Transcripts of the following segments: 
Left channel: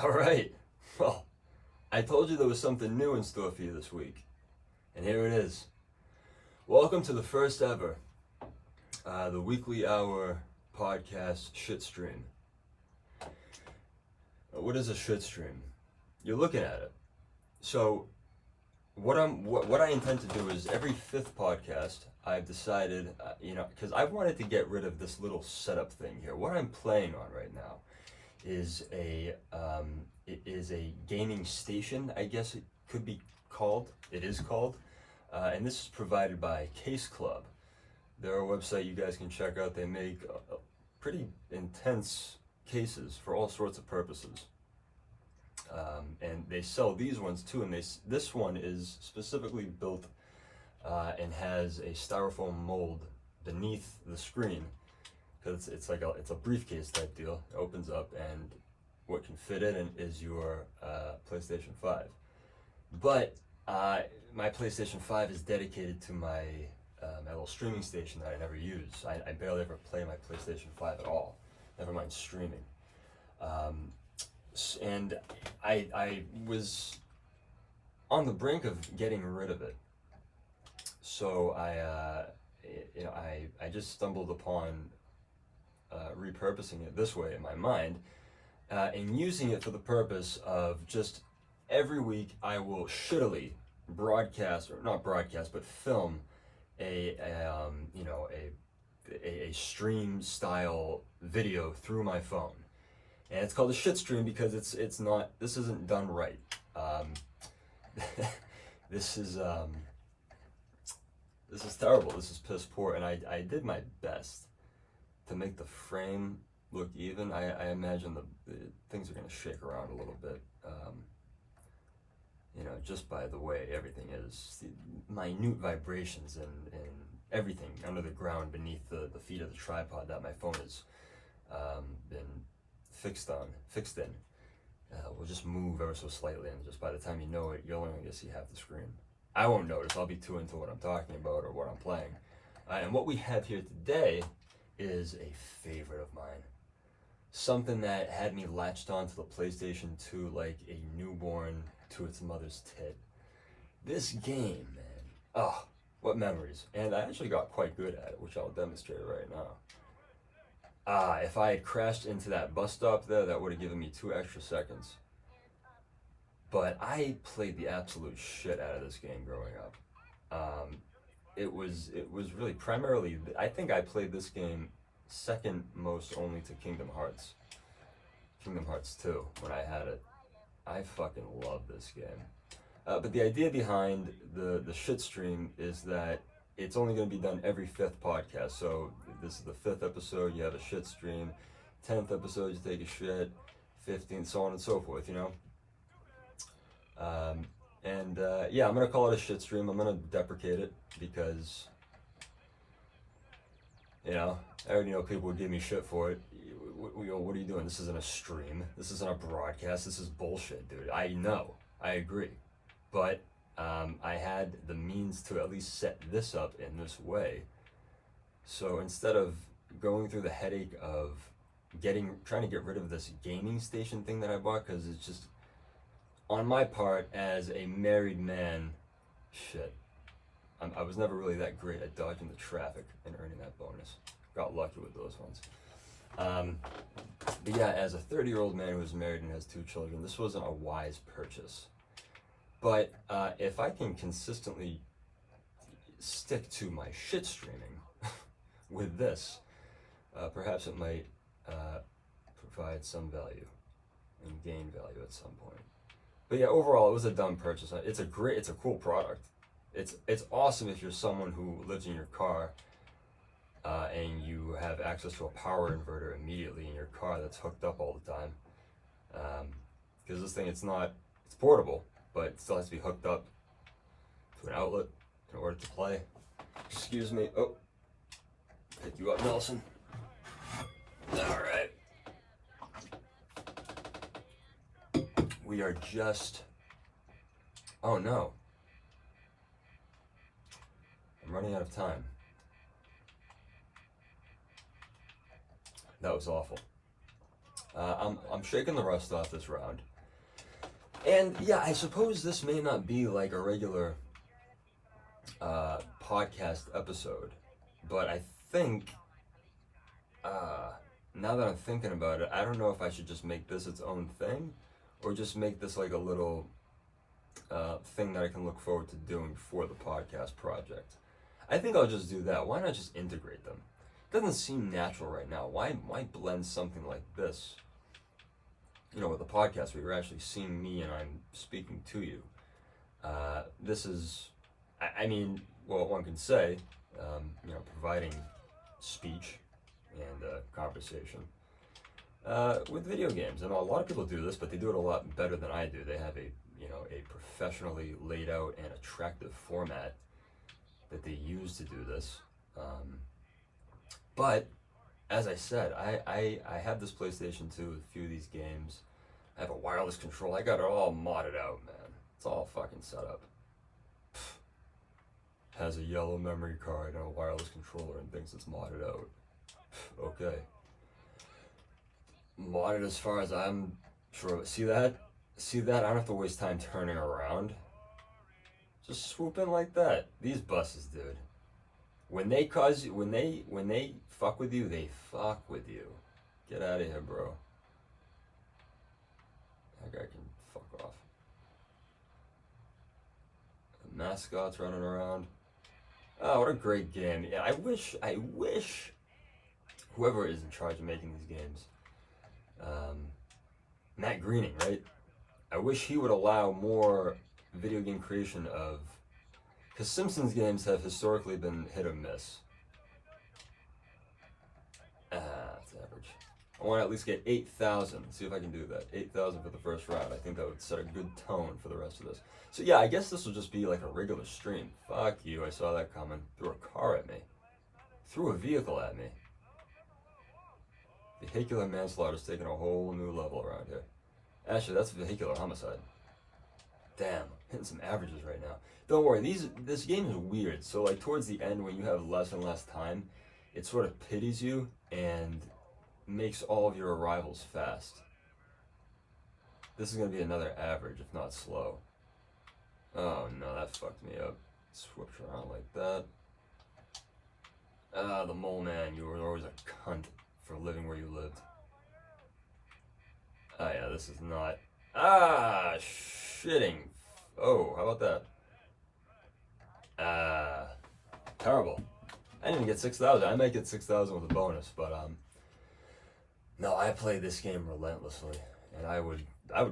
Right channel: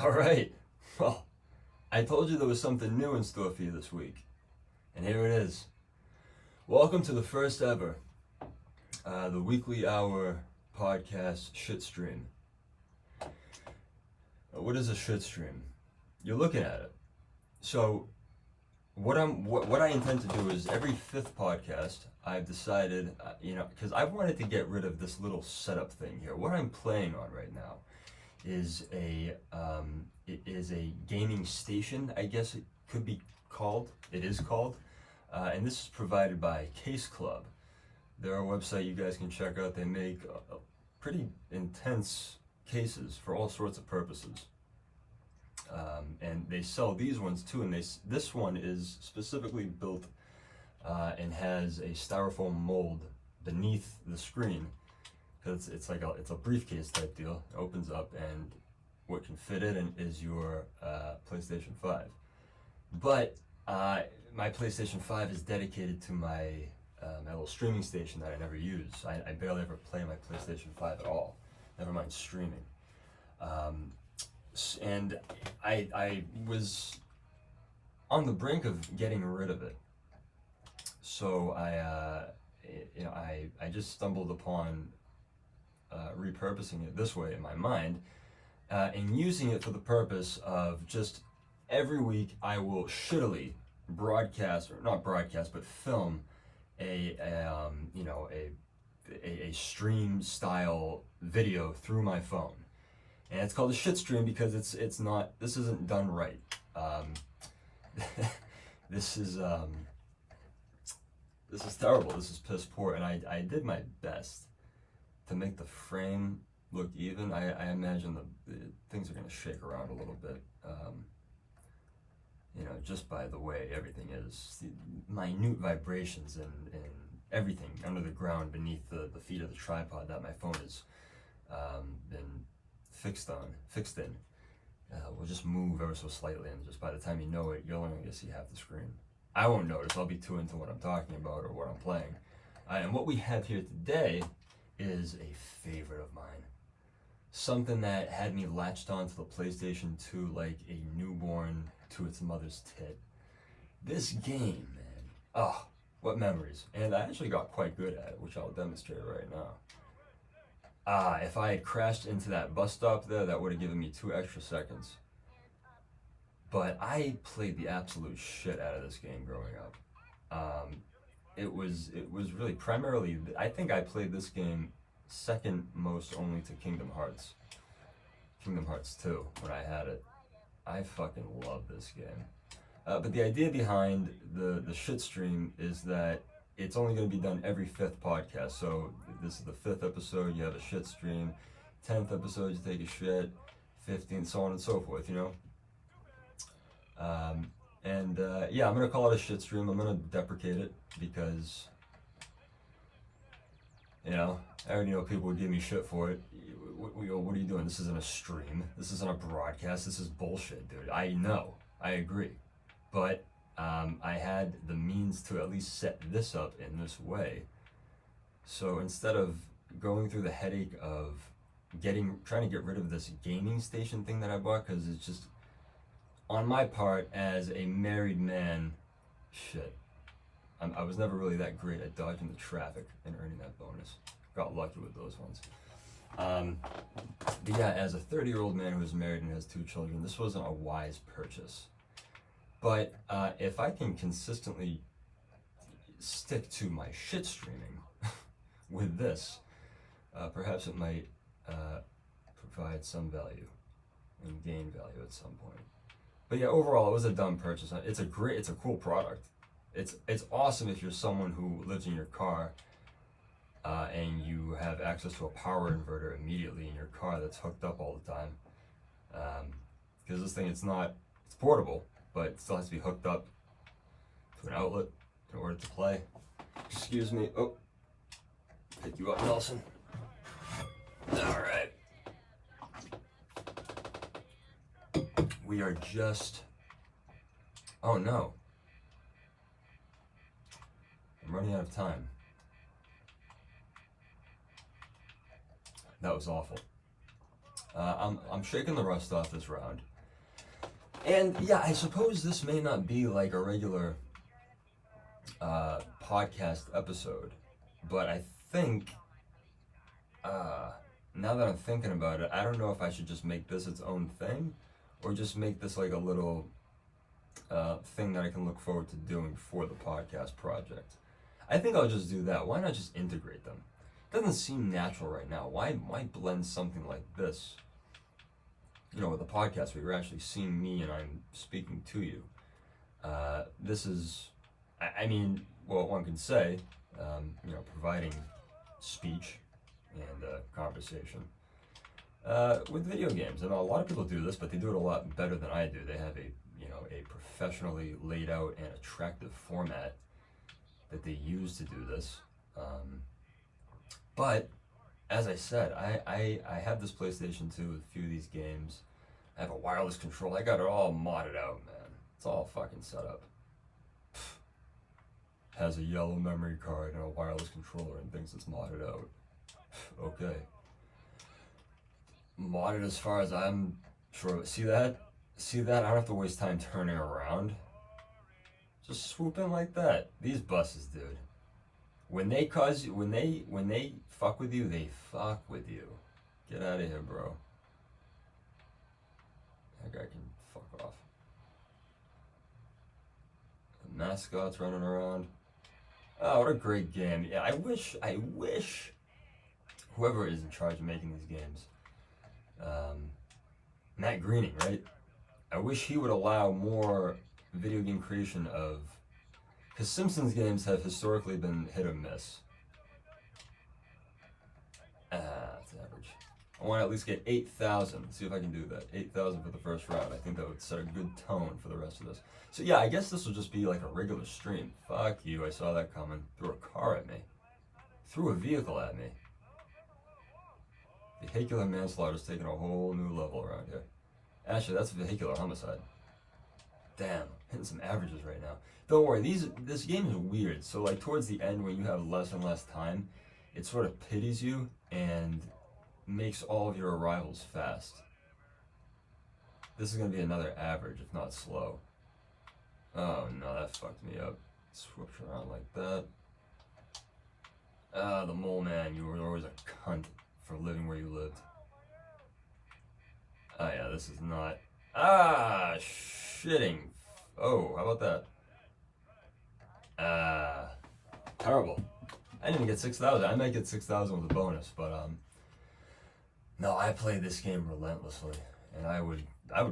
All right. Well, I told you there was something new in store for you this week, and here it is. Welcome to the first ever, the weekly hour podcast shit stream. What is a shit stream? You're looking at it. So, what I intend to do is every fifth podcast, I've decided, because I wanted to get rid of this little setup thing here. What I'm playing on right now is a gaming station, I guess it could be called. It is called, and this is provided by Case Club. They're a website you guys can check out. They make pretty intense cases for all sorts of purposes, and they sell these ones too. And this one is specifically built and has a styrofoam mold beneath the screen. Because it's a briefcase type deal. It opens up and what can fit in it is your PlayStation 5. But my PlayStation 5 is dedicated to my little streaming station that I never use. I barely ever play my PlayStation 5 at all. Never mind streaming. And I was on the brink of getting rid of it. So I just stumbled upon repurposing it this way in my mind, and using it for the purpose of just every week I will shittily broadcast, or not broadcast, but film a stream style video through my phone, and it's called a shit stream because this isn't done right. This is terrible. This is piss poor, and I did my best to make the frame look even. I imagine the things are going to shake around a little bit, just by the way everything is. The minute vibrations and everything under the ground beneath the feet of the tripod that my phone has been fixed in, will just move ever so slightly, and just by the time you know it, you'll only get to see half the screen. I won't notice. I'll be too into what I'm talking about or what I'm playing. And what we have here today is a favorite of mine. Something that had me latched onto the PlayStation 2 like a newborn to its mother's tit. This game, man. Oh, what memories. And I actually got quite good at it, which I'll demonstrate right now. If I had crashed into that bus stop there, that would have given me 2 extra seconds. But I played the absolute shit out of this game growing up. It was really primarily, I think I played this game second most only to Kingdom Hearts 2 when I had it. I fucking love this game. But the idea behind the shit stream is that it's only going to be done every 5th podcast. So this is the 5th episode, you have a shit stream. 10th episode, you take a shit. 15th, so on and so forth, I'm gonna call it a shit stream. I'm gonna deprecate it because, I already know people would give me shit for it. What are you doing? This isn't a stream. This isn't a broadcast. This is bullshit, dude. I know. I agree. But I had the means to at least set this up in this way. So instead of going through the headache of trying to get rid of this gaming station thing that I bought, because it's just, on my part, as a married man, I was never really that great at dodging the traffic and earning that bonus. Got lucky with those ones. But yeah, as a 30-year-old man who is married and has 2 children, this wasn't a wise purchase. But if I can consistently stick to my shit streaming with this, perhaps it might provide some value and gain value at some point. But yeah, overall, it was a dumb purchase. It's a cool product. It's awesome if you're someone who lives in your car and you have access to a power inverter immediately in your car that's hooked up all the time. Because this thing, it's portable, but it still has to be hooked up to an outlet in order to play. Excuse me. Oh, pick you up, Nelson. All right. We are just, oh no, I'm running out of time. That was awful. I'm shaking the rust off this round. And yeah, I suppose this may not be like a regular podcast episode, but I think now that I'm thinking about it, I don't know if I should just make this its own thing, or just make this like a little thing that I can look forward to doing for the podcast project. I think I'll just do that. Why not just integrate them? It doesn't seem natural right now. Why blend something like this? You know, with a podcast where you're actually seeing me and I'm speaking to you. This is, I mean, well, one can say, you know, providing speech and conversation with video games. And a lot of people do this, but they do it a lot better than I do. They have a professionally laid out and attractive format that they use to do this. But as I said, I have this PlayStation 2 with a few of these games. I have a wireless control. I got it all modded out, man. It's all fucking set up. Has a yellow memory card and a wireless controller and thinks it's modded out. Okay. Modded as far as I'm sure. See that? I don't have to waste time turning around. Just swoop in like that. These buses, dude. When they fuck with you, they fuck with you. Get out of here, bro. That guy can fuck off. The mascot's running around. Oh, what a great game. Yeah, I wish whoever is in charge of making these games, Matt Groening, right? I wish he would allow more video game creation of, because Simpsons games have historically been hit or miss. That's average. I want to at least get 8,000. See if I can do that. 8,000 for the first round. I think that would set a good tone for the rest of this. So yeah, I guess this will just be like a regular stream. Fuck you, I saw that coming. Threw a car at me. Threw a vehicle at me. Vehicular manslaughter's taking a whole new level around here. Actually, that's vehicular homicide. Damn, hitting some averages right now. Don't worry, this game is weird. So like towards the end when you have less and less time, it sort of pities you and makes all of your arrivals fast. This is going to be another average, if not slow. Oh no, that fucked me up. Switch around like that. Ah, the mole man, you were always a cunt for living where you lived. Oh yeah, this is not... Ah, shitting. Oh, how about that? Terrible. I didn't even get 6,000. I might get 6,000 with a bonus, but no, I played this game relentlessly, and I would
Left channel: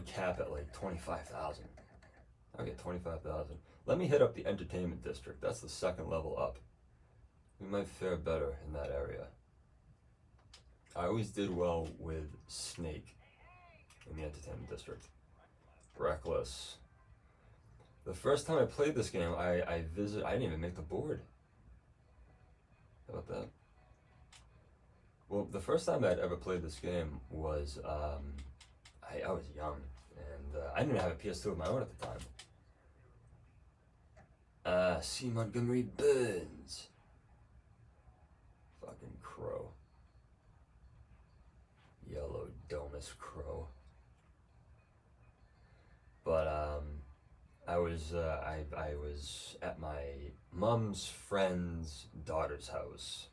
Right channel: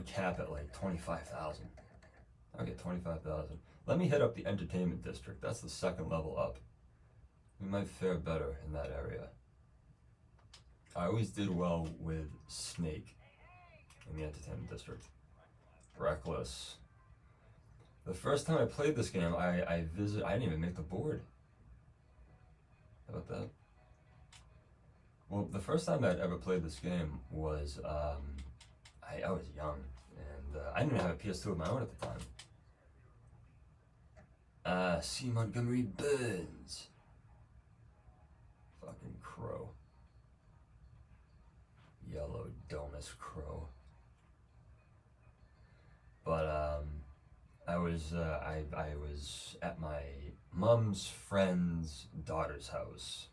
cap at like 25,000. I'll get 25,000. Let me hit up the entertainment district. That's the second level up. We might fare better in that area. I always did well with Snake in the entertainment district. Reckless. The first time I played this game, I didn't even make the board. How about that? Well, the first time I'd ever played this game was, I was young, and I didn't even have a PS2 of my own at the time. C. Montgomery Burns. Fucking crow. Yellow Domus crow. But, I was at my mom's friend's daughter's house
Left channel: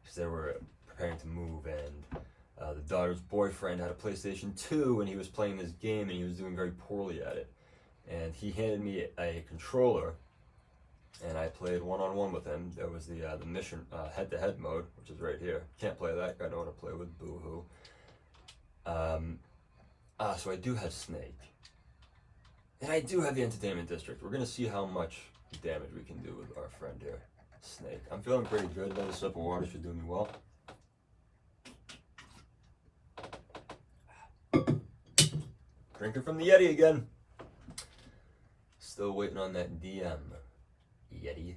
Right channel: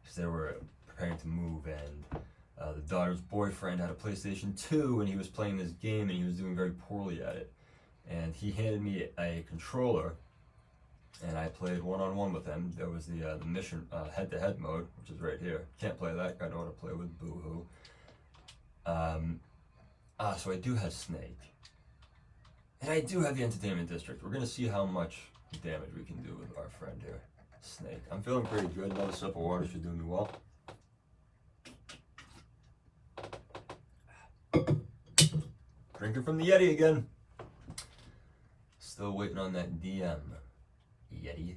because they were preparing to move, and the daughter's boyfriend had a PlayStation 2 and he was playing this game and he was doing very poorly at it, and he handed me a controller and I played one-on-one with him. There was the mission head-to-head mode, which is right here. Can't play that, I know what to play with, boo-hoo. So I do have Snake. And I do have the entertainment district. We're gonna see how much damage we can do with our friend here, Snake. I'm feeling pretty good. Another sip of water should do me well. Drinking from the Yeti again. Still waiting on that DM, Yeti.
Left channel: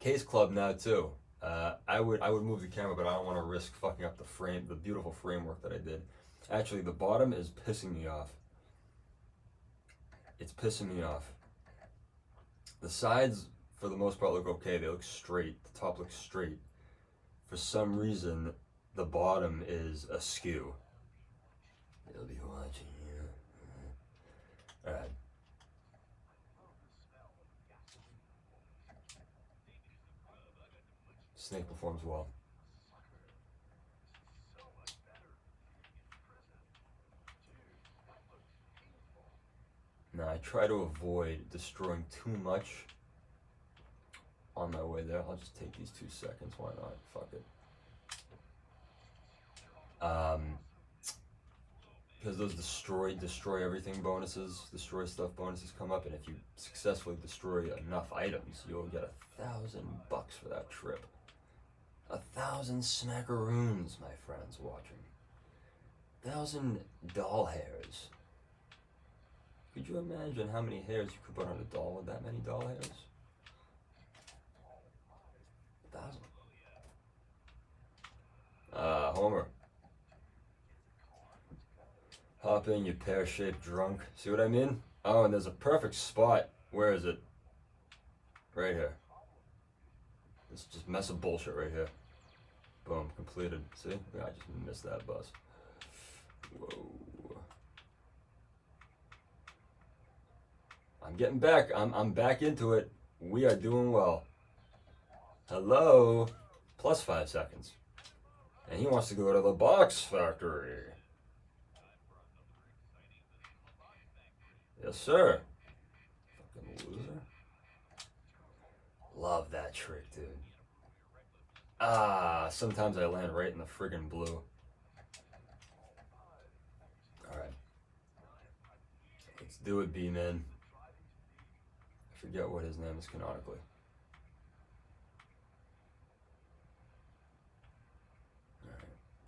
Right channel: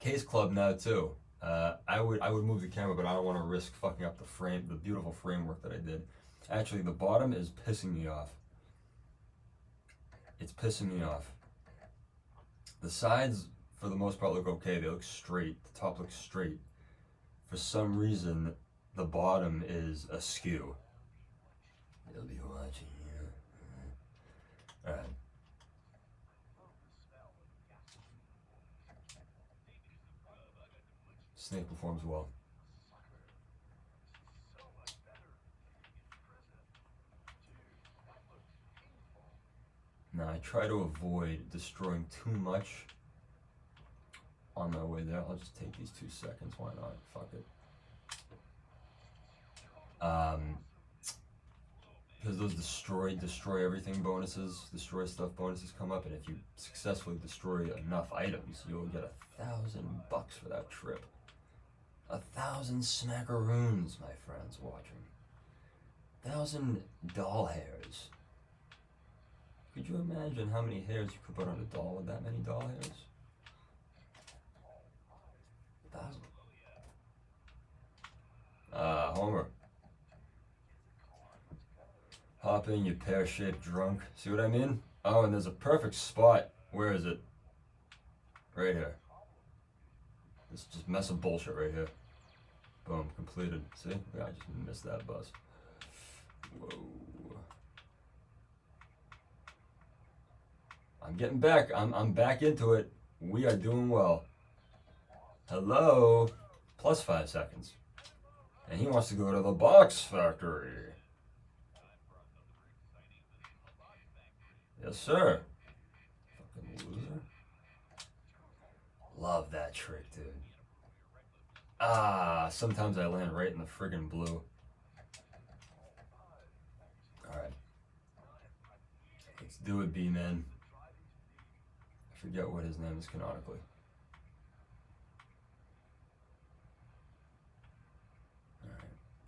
Case Club now too. I would move the camera, but I don't want to risk fucking up the beautiful framework that I did. Actually, the bottom is pissing me off. It's pissing me off. The sides, for the most part, look okay. They look straight. The top looks straight. For some reason, the bottom is askew. They'll be watching you. Alright. Snake performs well. Now I try to avoid destroying too much on my way there. I'll just take these 2 seconds. Why not? Fuck it. Because those destroy everything bonuses, destroy stuff bonuses come up, and if you successfully destroy enough items, you'll get $1,000 for that trip. 1,000 smackaroons, my friends watching. 1,000 doll hairs. Could you imagine how many hairs you could put on a doll with that many doll hairs? 1,000. Homer. Hop in, you pear-shaped drunk. See what I mean? Oh, and there's a perfect spot. Where is it? Right here. This is just mess of bullshit right here. Boom, completed. See? Yeah, I just missed that bus. Whoa. I'm getting back. I'm back into it. We are doing well. Hello? Plus 5 seconds. And he wants to go to the box factory. Yes, sir. Fucking loser. Love that trick, dude. Sometimes I land right in the friggin' blue. Alright. Let's do it, B-Man. I forget what his name is canonically.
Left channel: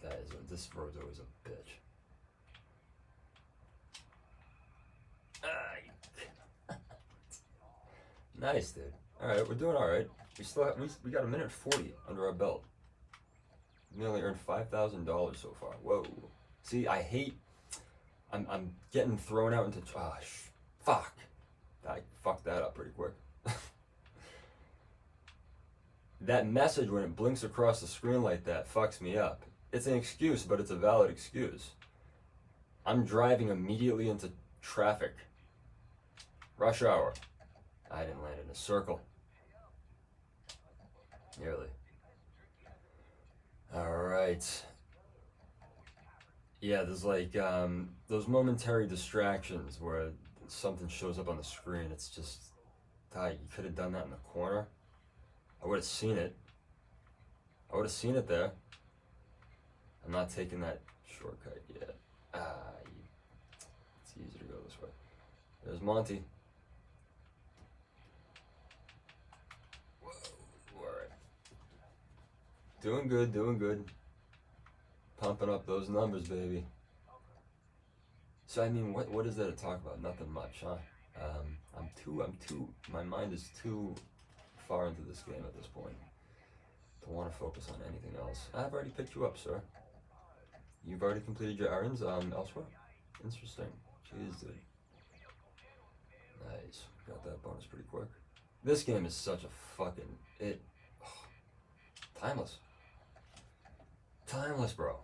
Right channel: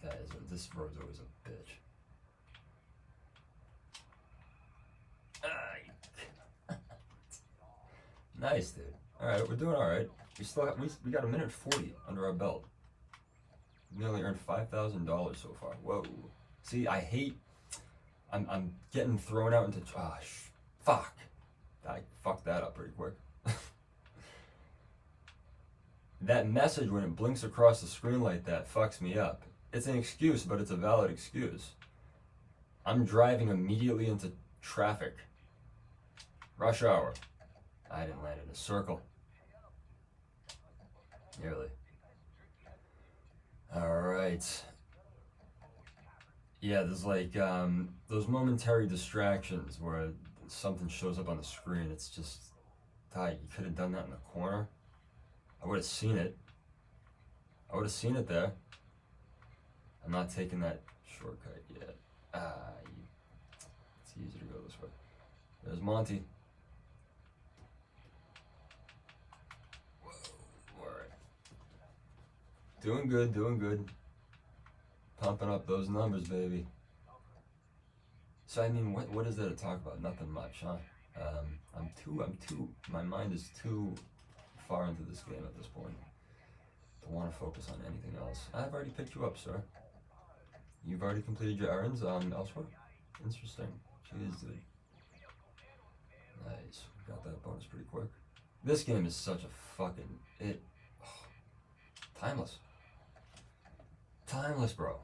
Alright. This road's always a bitch. Nice, dude. Alright, we're doing alright. We got 1:40 under our belt. We only earned $5,000 so far. Whoa. See, I hate. I'm getting thrown out into. Fuck. I fucked that up pretty quick. That message when it blinks across the screen like that fucks me up. It's an excuse, but it's a valid excuse. I'm driving immediately into traffic. Rush hour. I didn't land in a circle. Nearly. Alright. Yeah, there's like those momentary distractions where something shows up on the screen. It's just, you could have done that in the corner. I would have seen it. I would have seen it there. I'm not taking that shortcut yet. It's easier to go this way. There's Monty. Doing good, doing good. Pumping up those numbers, baby. So I mean, what is there to talk about? Nothing much, huh? My mind is too far into this game at this point to want to focus on anything else. I've already picked you up, sir. You've already completed your errands elsewhere? Interesting. Jeez, dude. Nice. Got that bonus pretty quick. This game is such a fucking... timeless. Timeless, bro.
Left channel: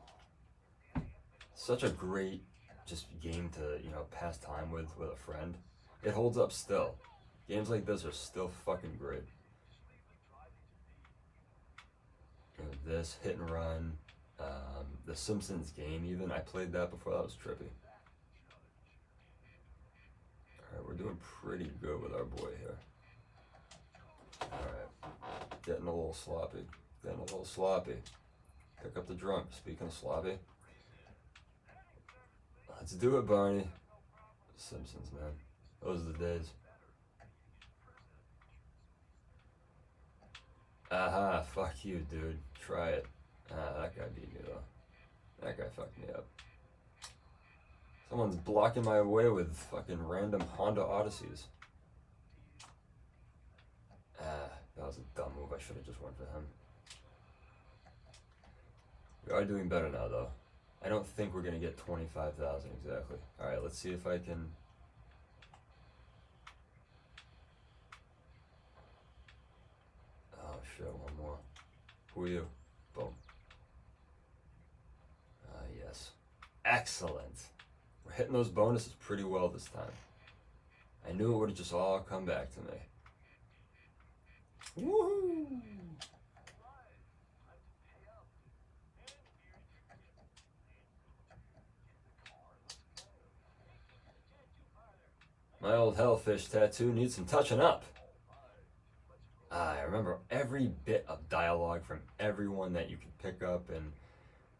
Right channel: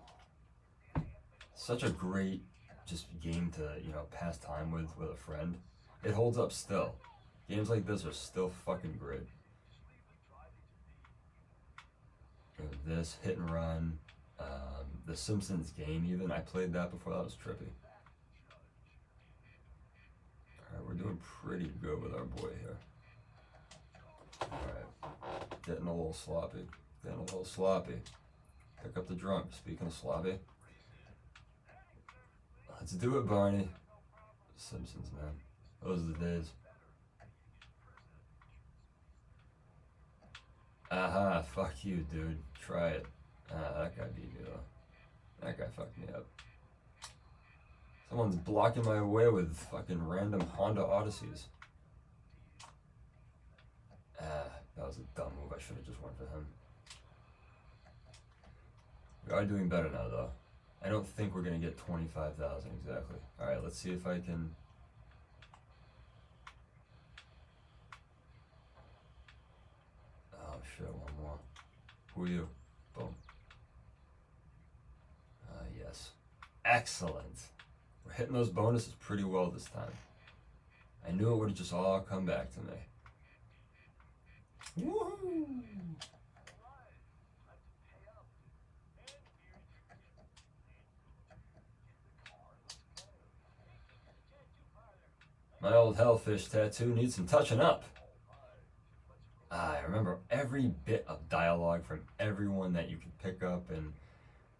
Such a great just game to, pass time with a friend. It holds up still. Games like this are still fucking great. This, Hit and Run, the Simpsons game even, I played that before. That was trippy. Alright, we're doing pretty good with our boy here. Alright, getting a little sloppy. Pick up the drunk. Speaking of sloppy. Let's do it, Barney. Simpsons, man. Those are the days. Aha, fuck you, dude. Try it. That guy beat me, though. That guy fucked me up. Someone's blocking my way with fucking random Honda Odysseys. That was a dumb move. I should have just went for him. We are doing better now, though. I don't think we're going to get 25,000 exactly. Alright, let's see if I can... Oh, shit, one more. Who are you? Boom. Excellent. We're hitting those bonuses pretty well this time. I knew it would have just all come back to me. Woohoo! My old hellfish tattoo needs some touching up. I remember every bit of dialogue from everyone that you could pick up, and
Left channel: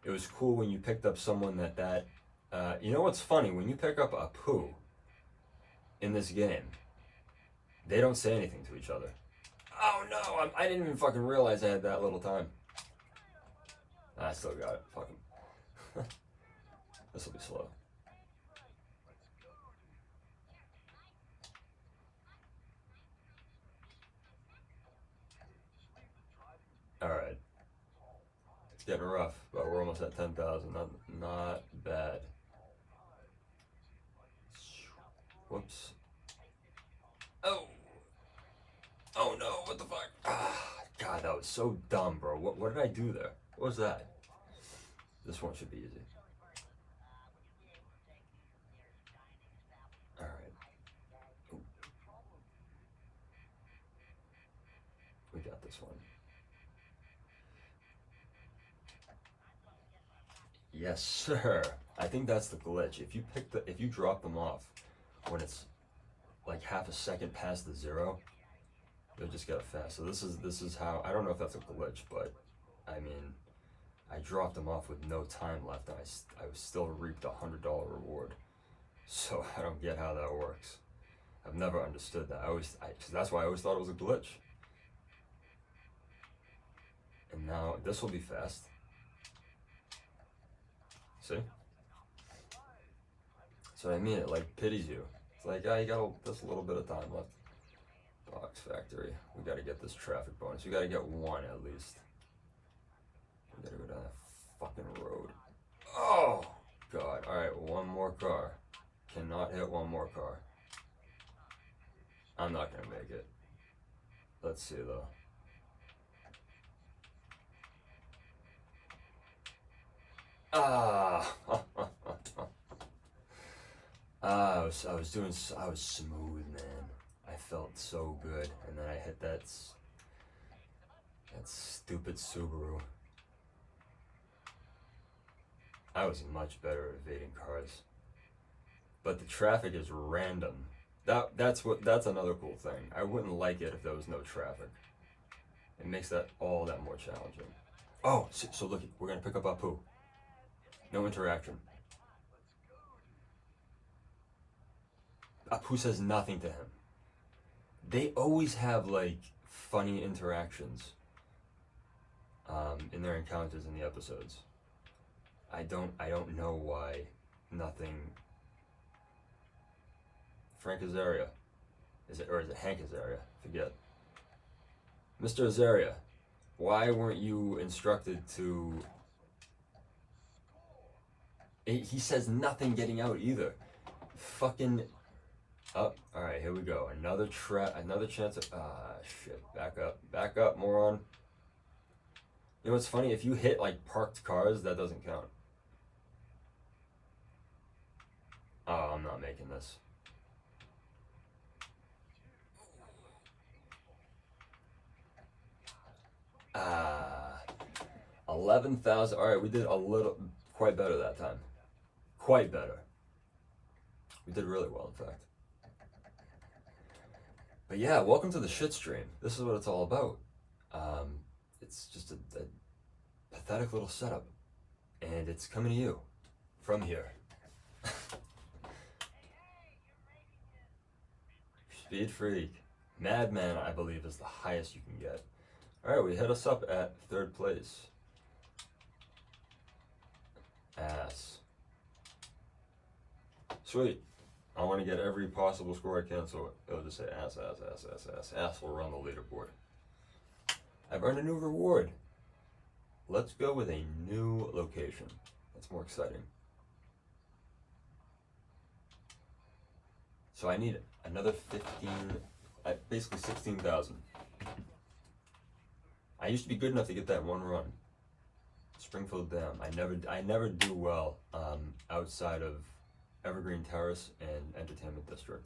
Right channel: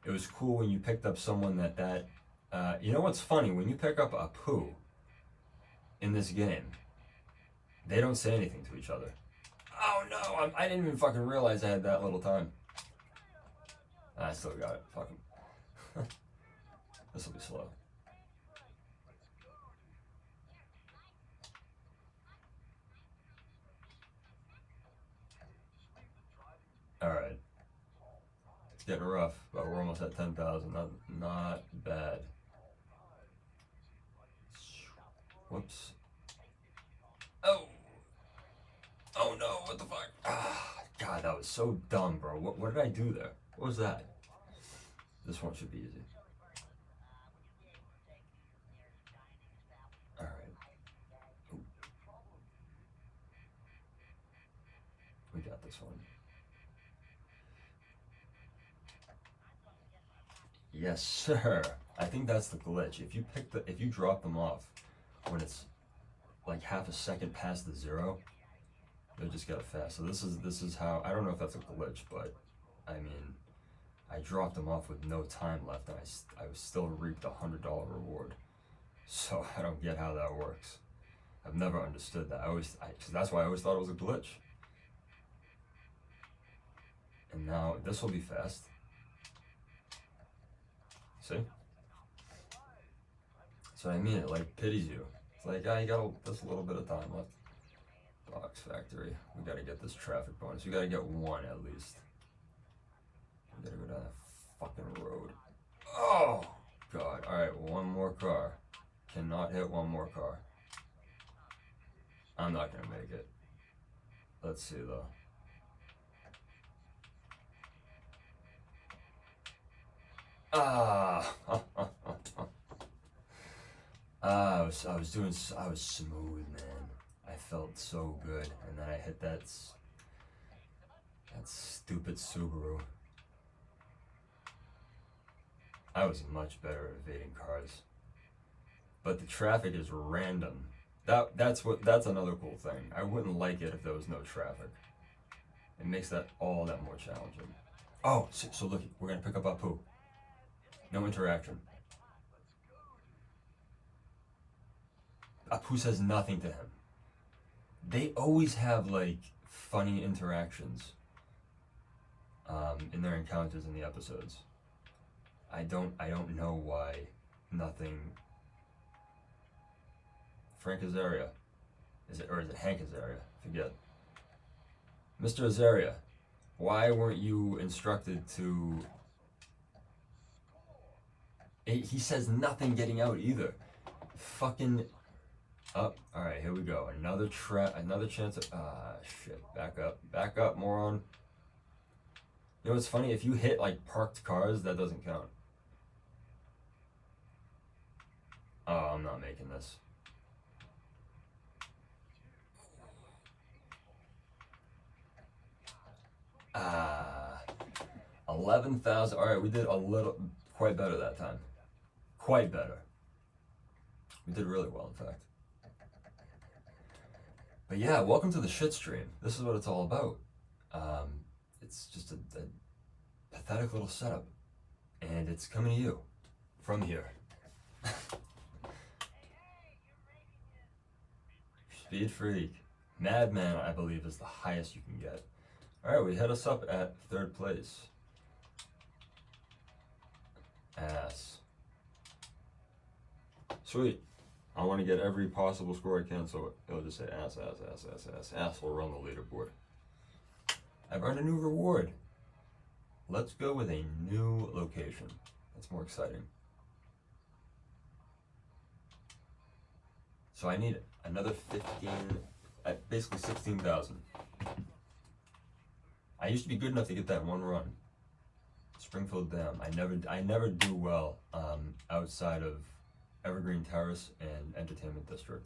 it was cool when you picked up someone that you know what's funny? When you pick up a poo in this game, they don't say anything to each other. Oh no, I didn't even fucking realize I had that little time. I still got it. Fuck him. This will be slow. Alright. It's getting rough, but we're almost at 10,000. Not bad. Whoops. Oh! Oh no, what the fuck? Ah, God, that was so dumb, bro. What did I do there? What was that? This one should be easy. Alright. We got this one. Yes, sir. I think that's the glitch. If you drop them off when it's like half a second past the zero, you'll just get it fast. So this is how, I don't know if that's a glitch, but I mean, I dropped them off with no time left, and I still reaped $100 reward. So I don't get how that works. I've never understood that. That's why I always thought it was a glitch. And now this will be fast. See? So I mean, it like pities you. It's like, you got just a little bit of time left. Box Factory. We gotta get this traffic bonus. We gotta get one at least. We gotta go down that fucking road. Oh God! All right, one more car. Cannot hit one more car. I'm not gonna make it. Let's see though. I was smooth, man. I felt so good, and then I hit that stupid Subaru. I was much better at evading cars, but the traffic is random. That's another cool thing. I wouldn't like it if there was no traffic. It makes that all that more challenging. Oh, so look, we're gonna pick up Apu. No interaction. Apu says nothing to him. They always have like funny interactions in their encounters in the episodes. I don't know why nothing. Frank Azaria, is it Hank Azaria? Forget. Mr. Azaria, why weren't you instructed to? He says nothing getting out either. Fucking. Oh, all right, here we go. Another chance of. Shit. Back up, moron. You know what's funny? If you hit like parked cars, that doesn't count. Oh, I'm not making this. Ah, 11,000. All right, we did quite better that time. Quite better. We did really well, in fact. But yeah, welcome to the shit stream. This is what it's all about. It's just a pathetic little setup, and it's coming to you from here. Speed Freak. Madman, I believe, is the highest you can get. Alright, we hit us up at 3rd place. Ass. Sweet. I want to get every possible score I can, so it'll just say ass. Ass will run the leaderboard. I've earned a new reward. Let's go with a new location. That's more exciting. So I need another 15, basically 16,000. I used to be good enough to get that one run. It's Springfield Dam. I never do well outside of Evergreen Terrace and Entertainment District.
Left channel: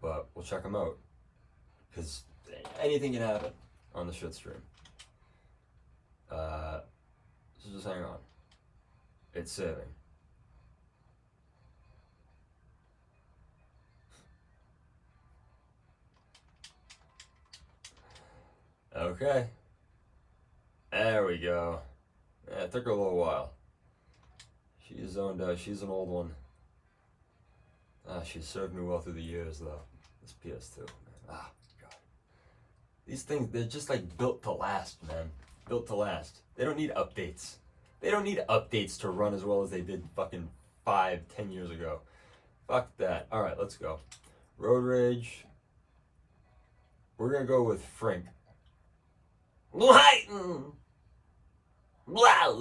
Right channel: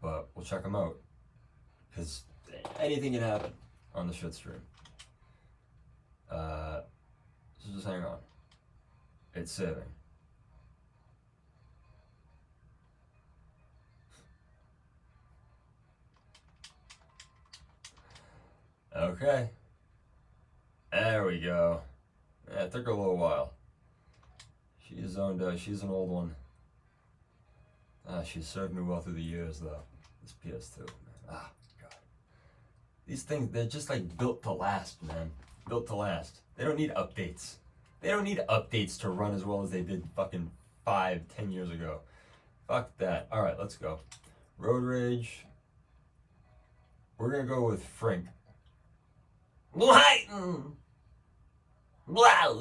But we'll check them out, because anything can happen on the shit stream. So just hang on. It's saving. Okay. There we go. Yeah, it took her a little while. She's zoned out. She's an old one. She's served me well through the years, though. This PS2. Ah, God. These things, they're just like built to last, man. Built to last. They don't need updates. They don't need updates to run as well as they did fucking 5-10 years ago. Fuck that. Alright, let's go. Road Rage. We're gonna go with Frink. Lighten! Blah!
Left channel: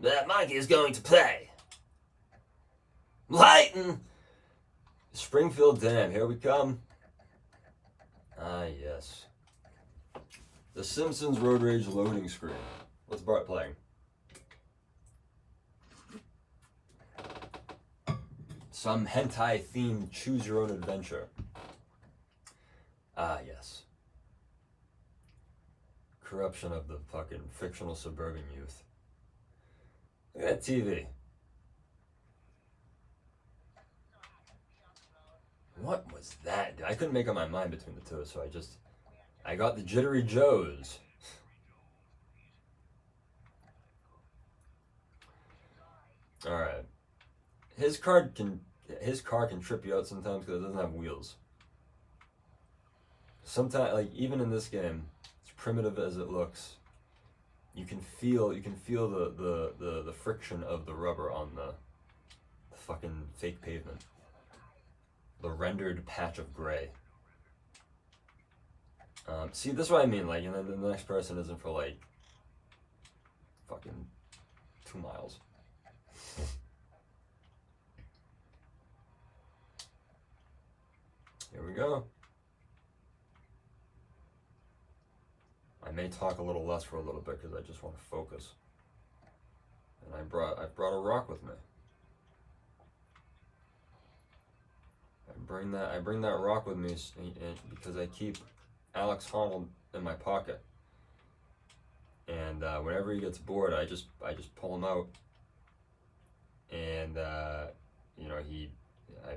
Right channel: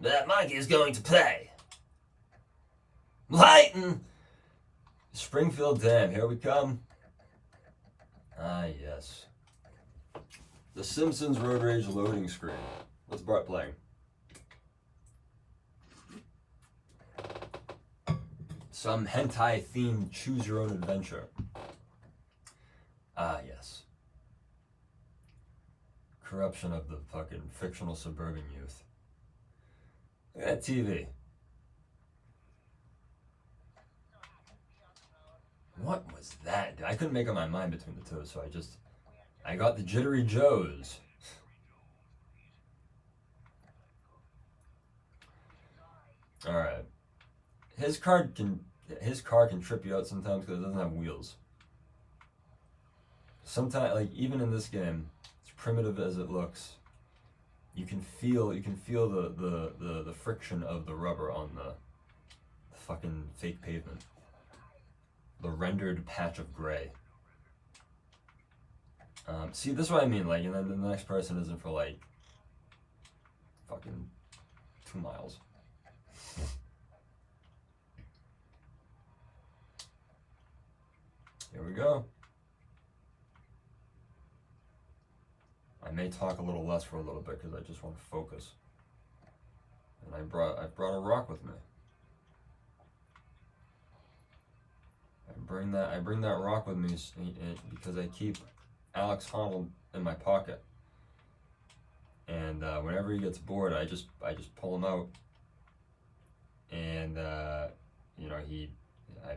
That monkey is going to play. Lighten! Springfield Dam, here we come. Ah, yes. The Simpsons Road Rage loading screen. What's Bart playing? Some hentai-themed choose-your-own-adventure. Ah, yes. Corruption of the fucking fictional suburban youth. Look at that TV. What was that? I couldn't make up my mind between the two, so I got the Jittery Joes. Alright. His car can trip you out sometimes because it doesn't have wheels. Sometimes, like, even in this game, as primitive as it looks, you can feel the friction of the rubber on the fucking fake pavement. The rendered patch of gray. See, this is what I mean, like, and then the next person isn't for, like, fucking 2 miles. Here we go. I may talk a little less for a little bit because I just want to focus. And I brought a rock with me. I bring that rock with me because I keep Alex Honnold in my pocket. And whenever he gets bored, I just pull him out. And you know, I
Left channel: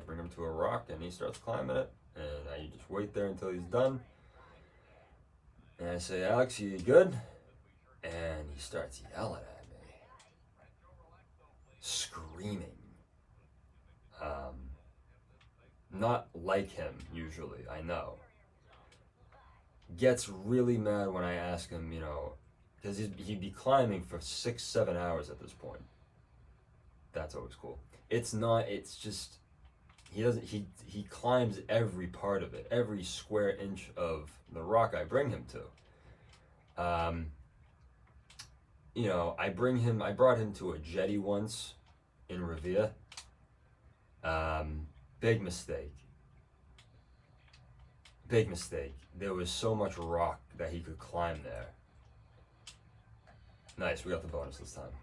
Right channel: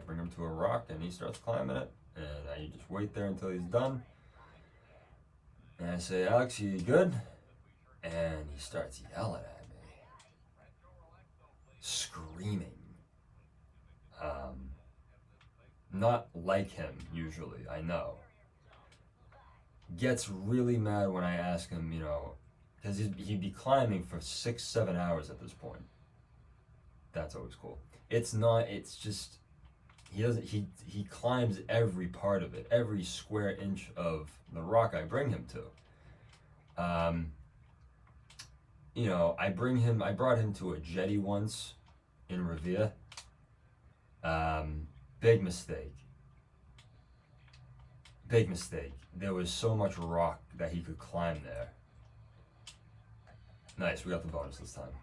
bring him to a rock and he starts climbing it. And I just wait there until he's done. And I say, Alex, you good? And he starts yelling at me. Screaming. Not like him, usually, I know. Gets really mad when I ask him, you know, because he'd be climbing for 6-7 hours at this point. That's always cool. It's just, he climbs every part of it, every square inch of the rock I bring him to. You know, I brought him to a jetty once in Revere. Big mistake. Big mistake. There was so much rock that he could climb there. Nice, we got the bonus this time.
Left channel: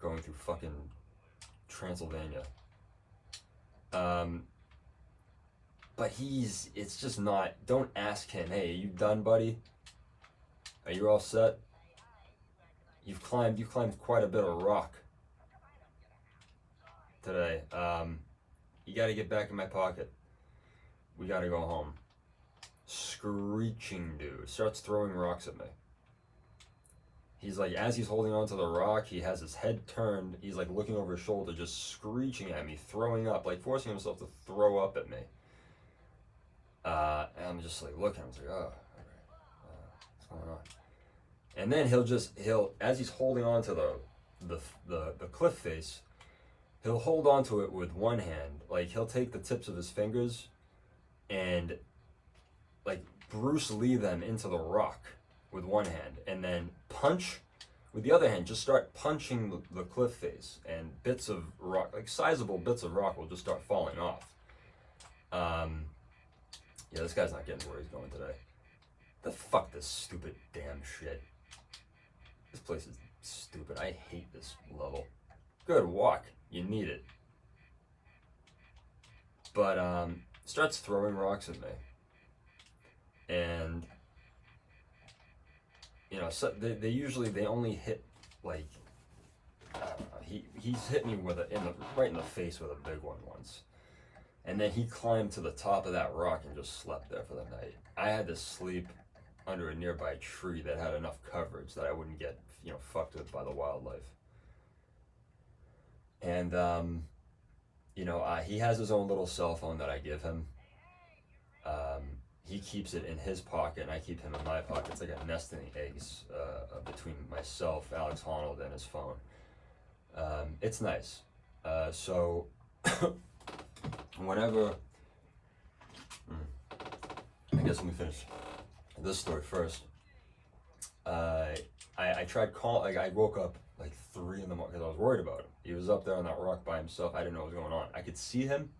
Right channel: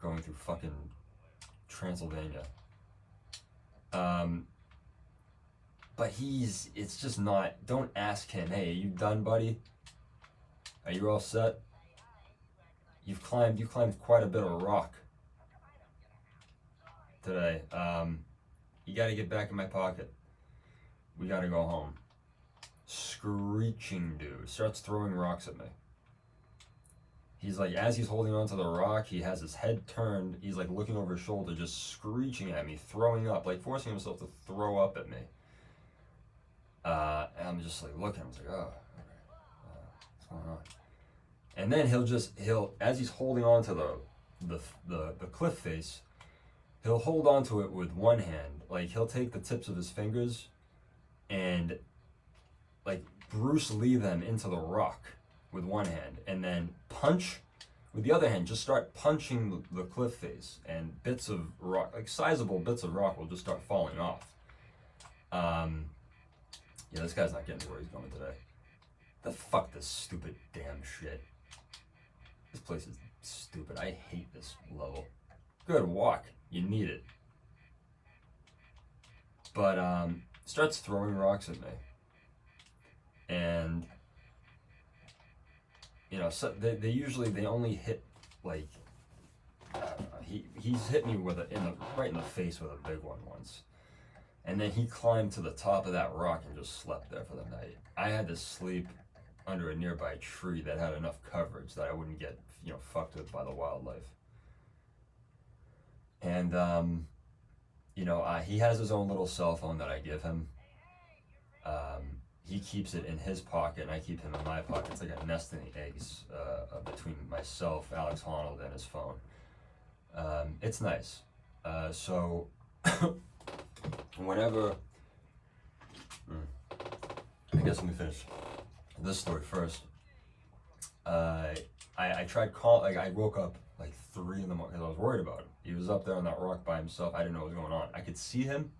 Going through fucking Transylvania. But it's just not, don't ask him, hey, are you done, buddy? Are you all set? You've climbed quite a bit of rock today. You gotta get back in my pocket. We gotta go home. Screeching dude. Starts throwing rocks at me. He's like, as he's holding onto the rock, he has his head turned. He's like looking over his shoulder, just screeching at me, throwing up, like forcing himself to throw up at me. And I'm just like looking, I was like, oh, okay. What's going on? And then he'll, as he's holding onto the cliff face, he'll hold onto it with one hand. Like, he'll take the tips of his fingers and, like, Bruce Lee them into the rock with one hand. And then punch with the other hand. Just start punching the cliff face. And bits of rock, like, sizable bits of rock will just start falling off. Yeah, this guy's not getting to where he's going today. The fuck this stupid damn shit. This place is stupid. I hate this level. Good walk. You need it. But starts throwing rocks at me. And you know, so they usually they only hit like he's hit me with right in the face with a big one once. And then he climbed to the top of that rock and just slept there for the night. I had to sleep under a nearby tree that had enough coverage that I wouldn't get, you know, fucked with by the wildlife. And you know, he has his own little cell phone that I give him. He keeps it in his pocket, and I keep him in my pocket. It's like a nesting eggs between myself, Alex Honnold, and his phone. It's nice. So whenever, I guess let me finish this story first. I tried like I woke up like 3 in the morning because I was worried about him. He was up there on that rock by himself. I didn't know what was going on. I could see him.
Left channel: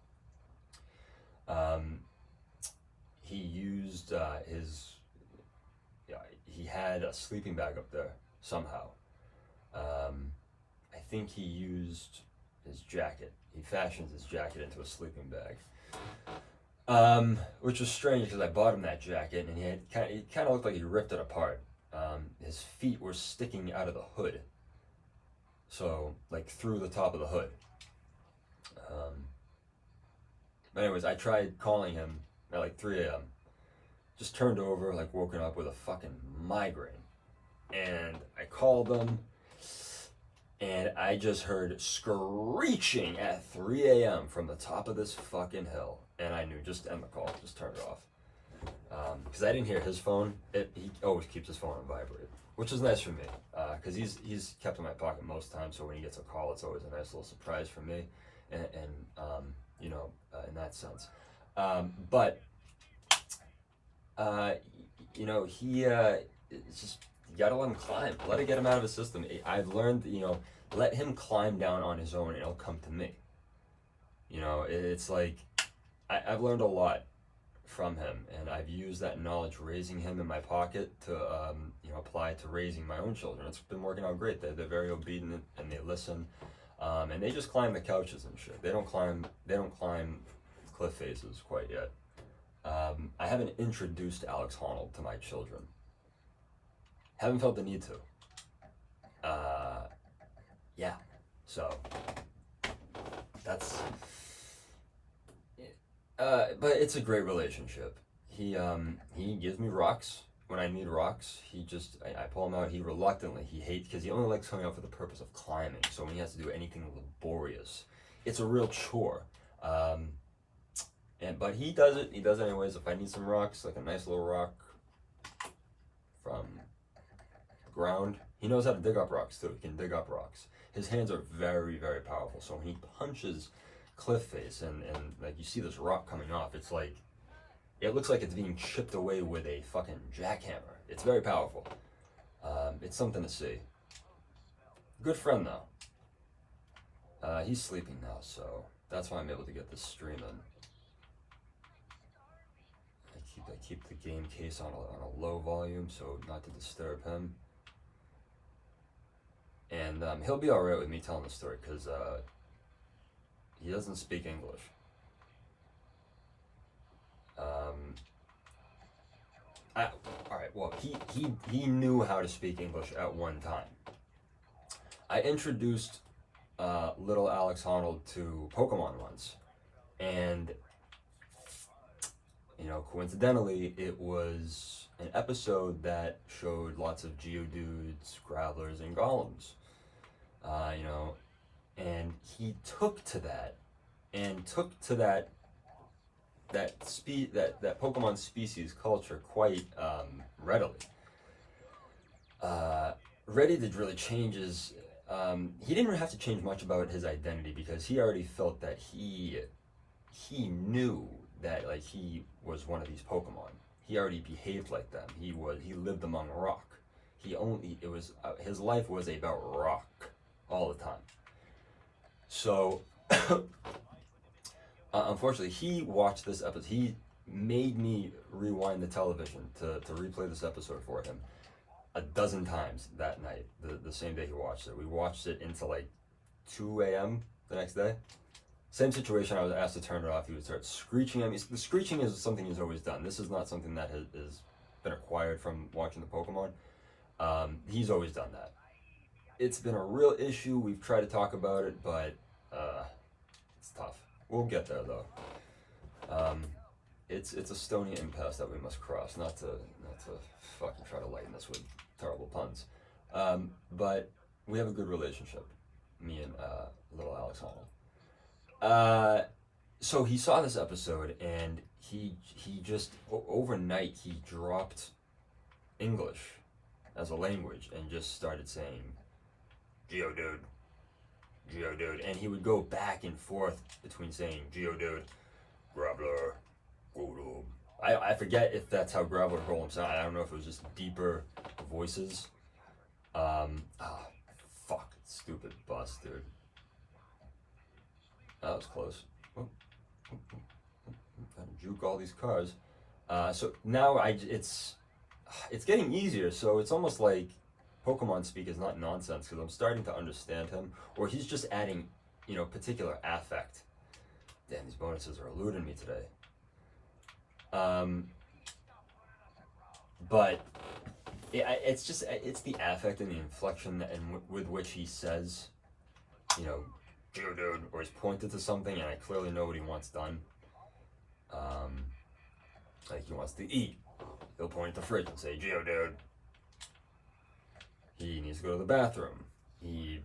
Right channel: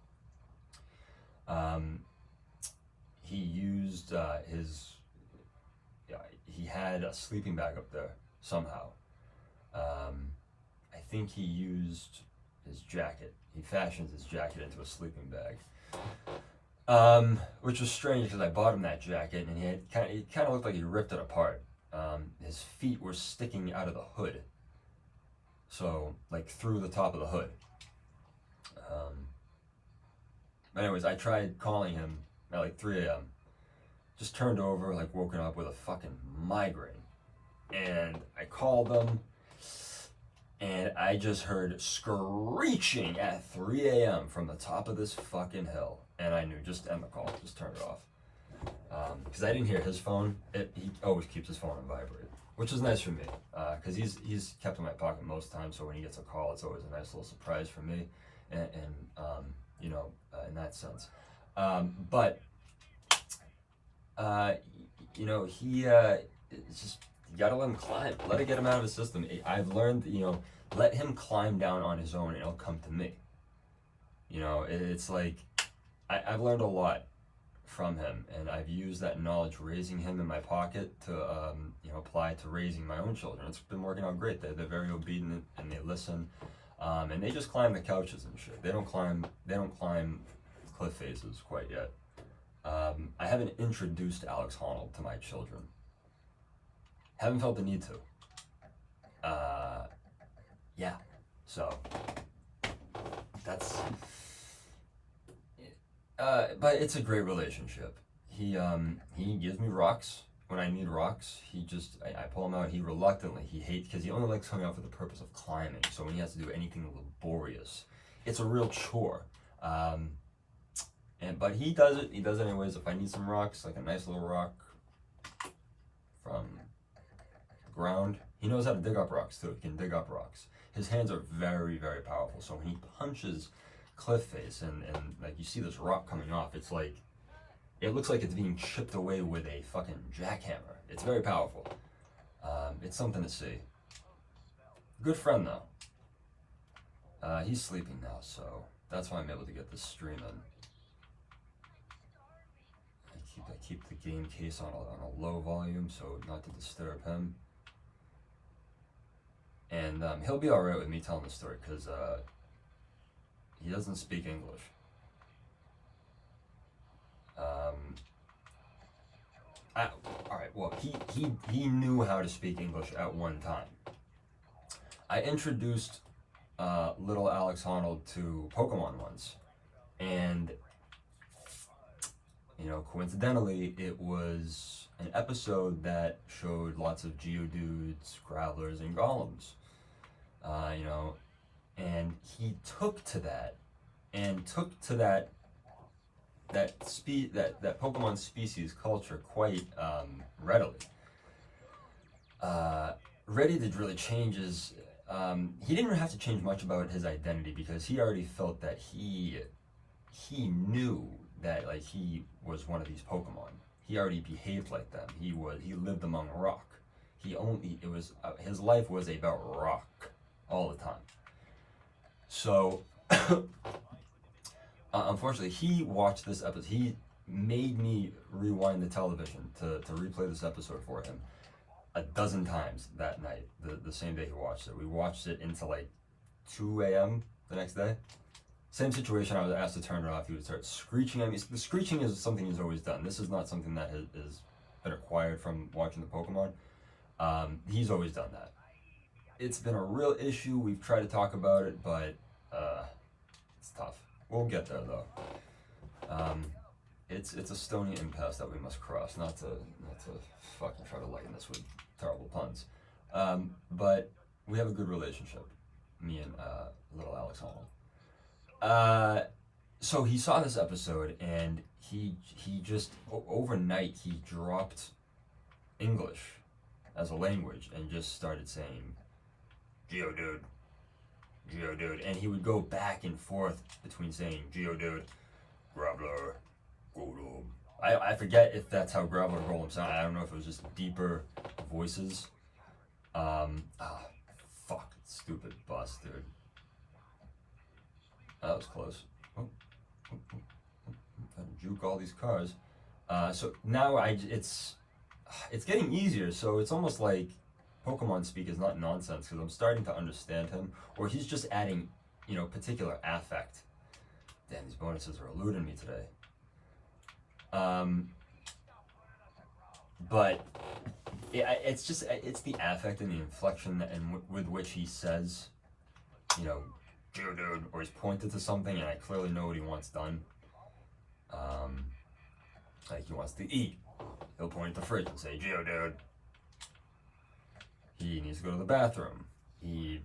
He used he had a sleeping bag up there somehow. I think he used his jacket. He fashioned his jacket into a sleeping bag. Which was strange because I bought him that jacket and he kind of looked like he ripped it apart. His feet were sticking out of the hood. So, like through the top of the hood. Anyways, I tried calling him at like 3 a.m. Just turned over, like woken up with a fucking migraine. And I called them, and I just heard screeching at 3 a.m. from the top of this fucking hill. And I knew, just end the call, just turn it off. Because I didn't hear his phone. He always keeps his phone on vibrate, which is nice for me. Because he's kept in my pocket most times, so when he gets a call, it's always a nice little surprise for me. And you know, in that sense. But you know, it's just, you gotta let him climb. Let it get him out of his system. I've learned, you know, let him climb down on his own and it'll come to me. You know, it's like, I've learned a lot from him, and I've used that knowledge raising him in my pocket to, you know, apply to raising my own children. It's been working out great. They're very obedient and they listen. And they just climb the couches and shit. They don't climb cliff faces quite yet. I haven't introduced Alex Honnold to my children. Haven't felt the need to. Yeah. So that's. But it's a great relationship. He gives me rocks when I need rocks. I pull him out. He reluctantly, he hates, because he only likes coming out for the purpose of climbing. So when he has to do anything laborious, it's a real chore. But he does it. He does it anyways. If I need some rocks, like a nice little rock from ground, he knows how to dig up rocks too. He can dig up rocks. His hands are very, very powerful. So when he punches cliff face and like you see this rock coming off, it's like, it looks like it's being chipped away with a fucking jackhammer. It's very powerful. It's something to see. Good friend though. He's sleeping now, so that's why I'm able to get this stream in. I keep the game case on a low volume so not to disturb him. And he'll be alright with me telling the story because he doesn't speak English. Alright, well, he knew how to speak English at one time. I introduced little Alex Honnold to Pokemon once, and you know, coincidentally, it was an episode that showed lots of Geodudes, Growlers, and Golems. You know, and he took to that that Pokemon species culture quite readily. Ready to really change his. He didn't have to change much about his identity because he already felt that he knew that like he was one of these Pokemon. He already behaved like them. He lived among rock. His life was about rock all the time. So unfortunately, he watched this episode. made me rewind the television to replay this episode for him a dozen times that night, the same day he watched it. We watched it into like 2 a.m. the next day. Same situation, I was asked to turn it off. He would start screeching at me. The screeching is something he's always done. This is not something that has been acquired from watching the Pokemon. He's always done that. It's been a real issue. We've tried to talk about it, but it's tough. We'll get there though. It's a stony impasse that we must cross. Not to fucking try to lighten this with terrible puns, but we have a good relationship, me and little Alex Honnold. So he saw this episode and he just overnight he dropped English as a language and just started saying Geodude, Geodude, and he would go back and forth between saying Geodude, Graveler, Golem. I forget if that's how Graveler and Golem sound. I don't know if it was just deeper voices. Fuck, stupid bus, dude. That was close. Trying to juke all these cars. So now it's getting easier. So it's almost like Pokemon speak is not nonsense because I'm starting to understand him, or he's just adding, particular affect. Damn, these bonuses are eluding me today. But it's the affect and the inflection and with which he says, Geodude, or he's pointed to something, and I clearly know what he wants done. Like he wants to eat. He'll point at the fridge and say, Geodude. He needs to go to the bathroom. He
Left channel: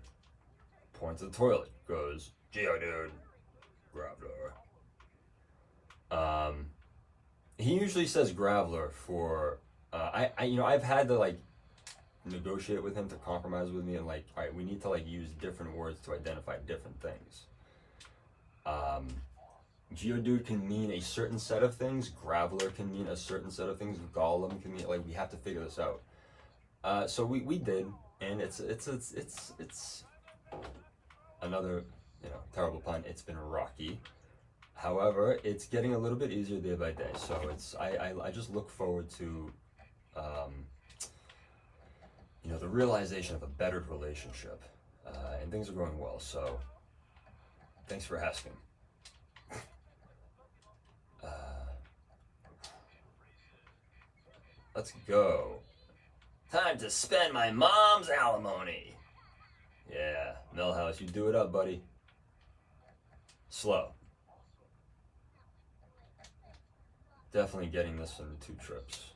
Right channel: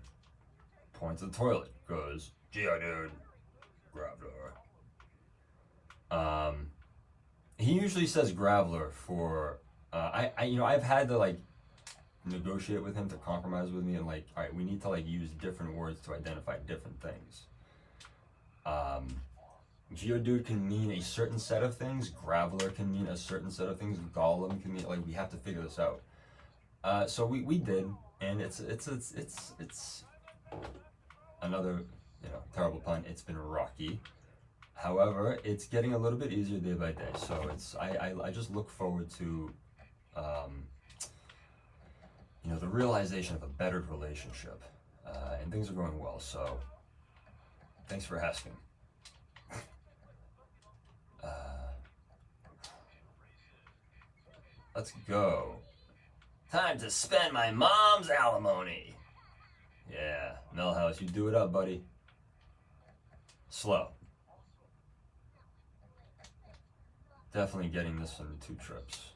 points at the toilet, goes, Geodude, Graveler. He usually says Graveler for, I've had to negotiate with him to compromise with me and all right, we need to use different words to identify different things. Geodude can mean a certain set of things. Graveler can mean a certain set of things. Golem can mean we have to figure this out. So we did, and it's another terrible pun. It's been rocky. However, it's getting a little bit easier day by day. So I just look forward to the realization of a bettered relationship, and things are going well. So thanks for asking. Let's go. Time to spend my mom's alimony. Yeah, Millhouse, you do it up, buddy. Slow. Definitely getting this in 2 trips.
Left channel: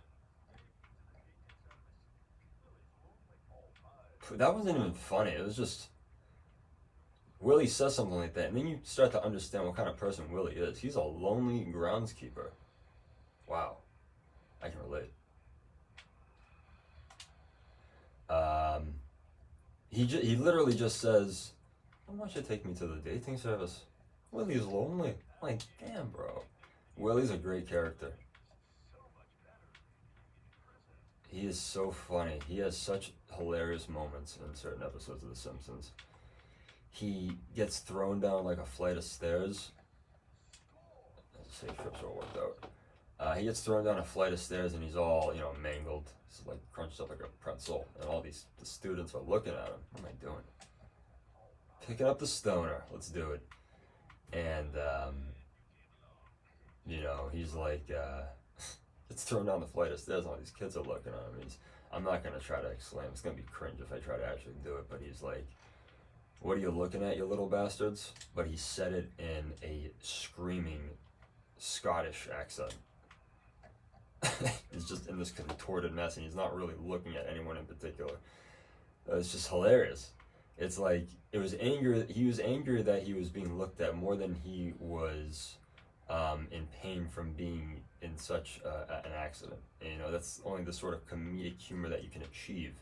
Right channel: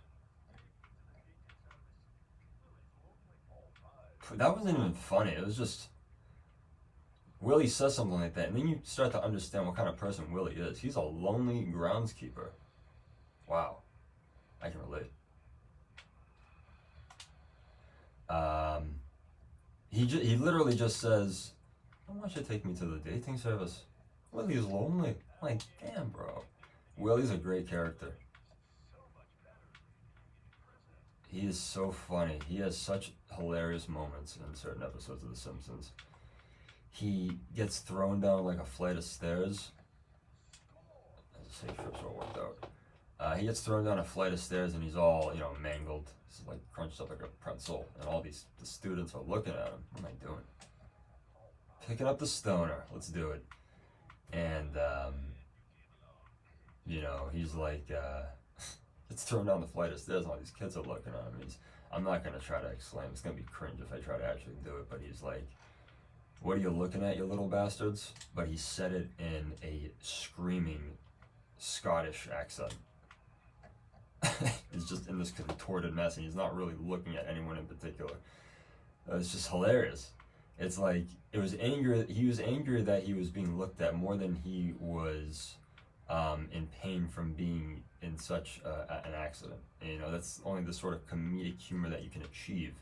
That wasn't even funny. It was just Willie says something like that, and then you start to understand what kind of person Willie is. He's a lonely groundskeeper. Wow, I can relate. He literally just says, "I want you to take me to the dating service." Willie's lonely. Like, damn, bro. Willie's a great character. He is so funny. He has such hilarious moments in certain episodes of The Simpsons. He gets thrown down like a flight of stairs. Safe trips all worked out. He gets thrown down a flight of stairs and he's all, mangled. He's crunched up like a pretzel. And all the students are looking at him. What am I doing? Picking up the stoner. Let's do it. And, he's it's thrown down the flight of stairs and all these kids are looking at him. I'm not going to try to exclaim. It's going to be cringe if I try to actually do it. But he's like, "What are you looking at, you little bastards?" But he said it in a screaming Scottish accent. He's just in this contorted mess and he's not really looking at anyone in particular. It's just hilarious. It's like he was angry that he was being looked at more than he was in pain from being in such an accident. And, that's only the sort of comedic humor that you can achieve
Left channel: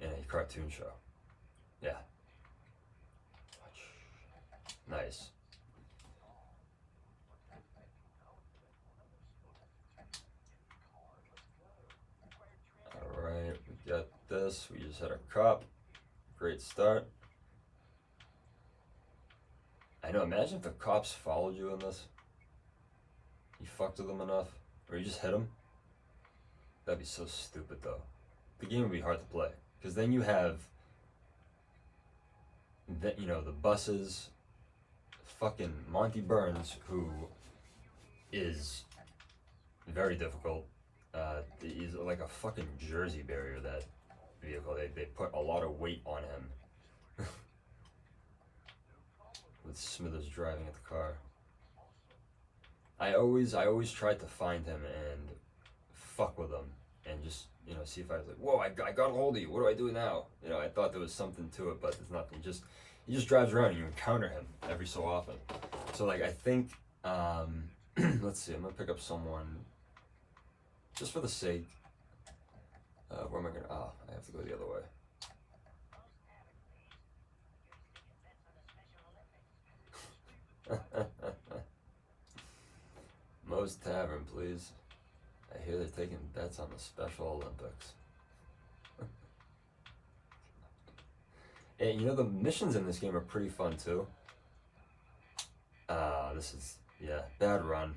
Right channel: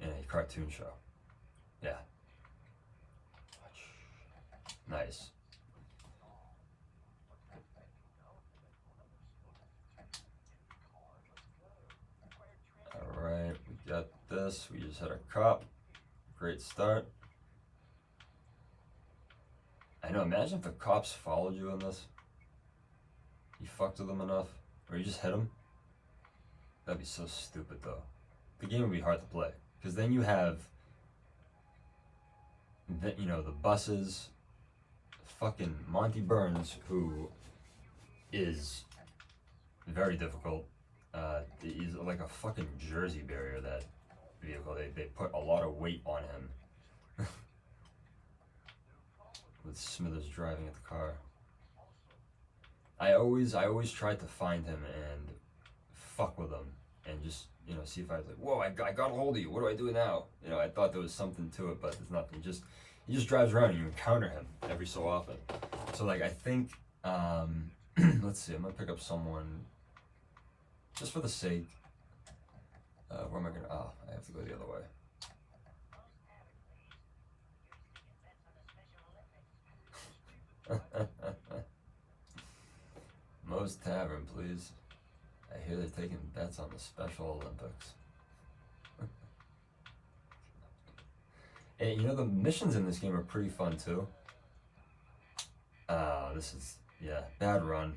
in a cartoon show. Yeah. Nice. Alright, we got this. We just had a cop. Great start. I know, imagine if the cops followed you in this. You fucked with them enough, or you just hit them. That'd be so stupid though. The game would be hard to play because then you have, the buses, fucking Monty Burns, who is very difficult. He's like a fucking Jersey barrier, that vehicle. They put a lot of weight on him. With Smithers driving at the car. I always tried to find him and fuck with him and just, see if I was like, whoa, I got a hold of you. What do I do now? I thought there was something to it, but there's nothing. He just drives around and you encounter him every so often. So like I think, let's see, I'm gonna pick up someone just for the sake. Where am I gonna? Oh, I have to go the other way. Moe's Tavern, please. I hear they're taking bets on the Special Olympics. And the missions in this game are pretty fun too. This is, bad run.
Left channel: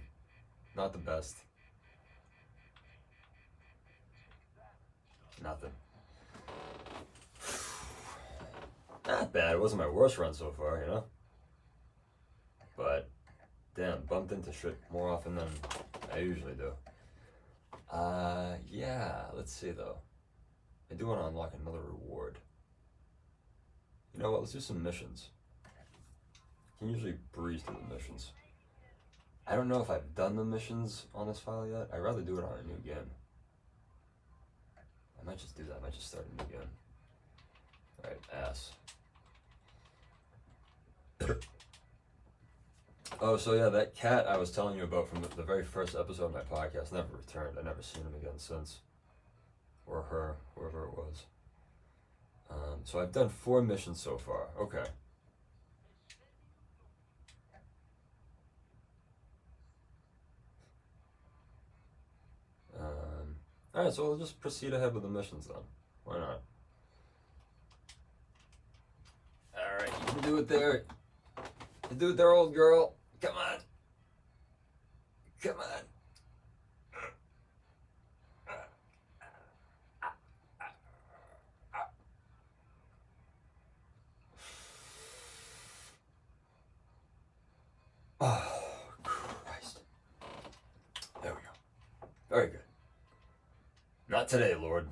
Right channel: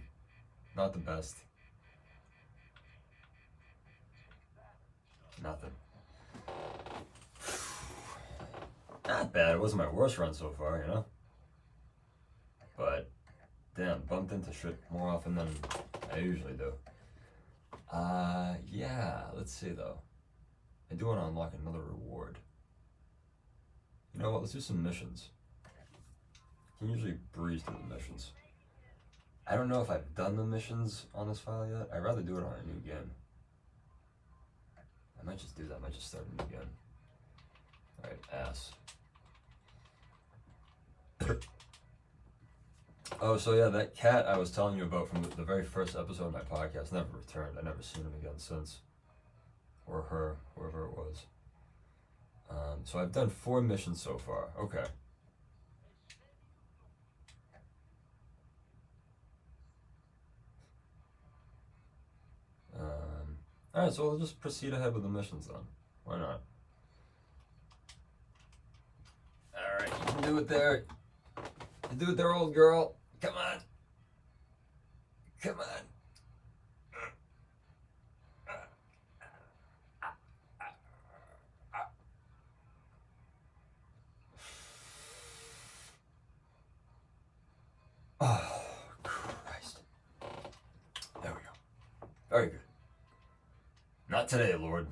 Not the best. Nothing. Not bad. It wasn't my worst run so far, But, damn, bumped into shit more often than I usually do. Yeah, let's see though. I do want to unlock another reward. You know what, let's do some missions. You can usually breeze through the missions. I don't know if I've done the missions on this file yet. I'd rather do it on a new game. I might just do that, I might just start a new game. Alright, ass. Oh, so yeah, that cat I was telling you about from the very first episode of my podcast never returned. I've never seen him again since. Or her, whoever it was. So I've done 4 missions so far. Okay. Alright, so we'll just proceed ahead with the missions then. Why not? Alright, you can do it there. You do it there, old girl. Come on. Come on. Oh, Christ. There we go. Very good. Not today, Lord.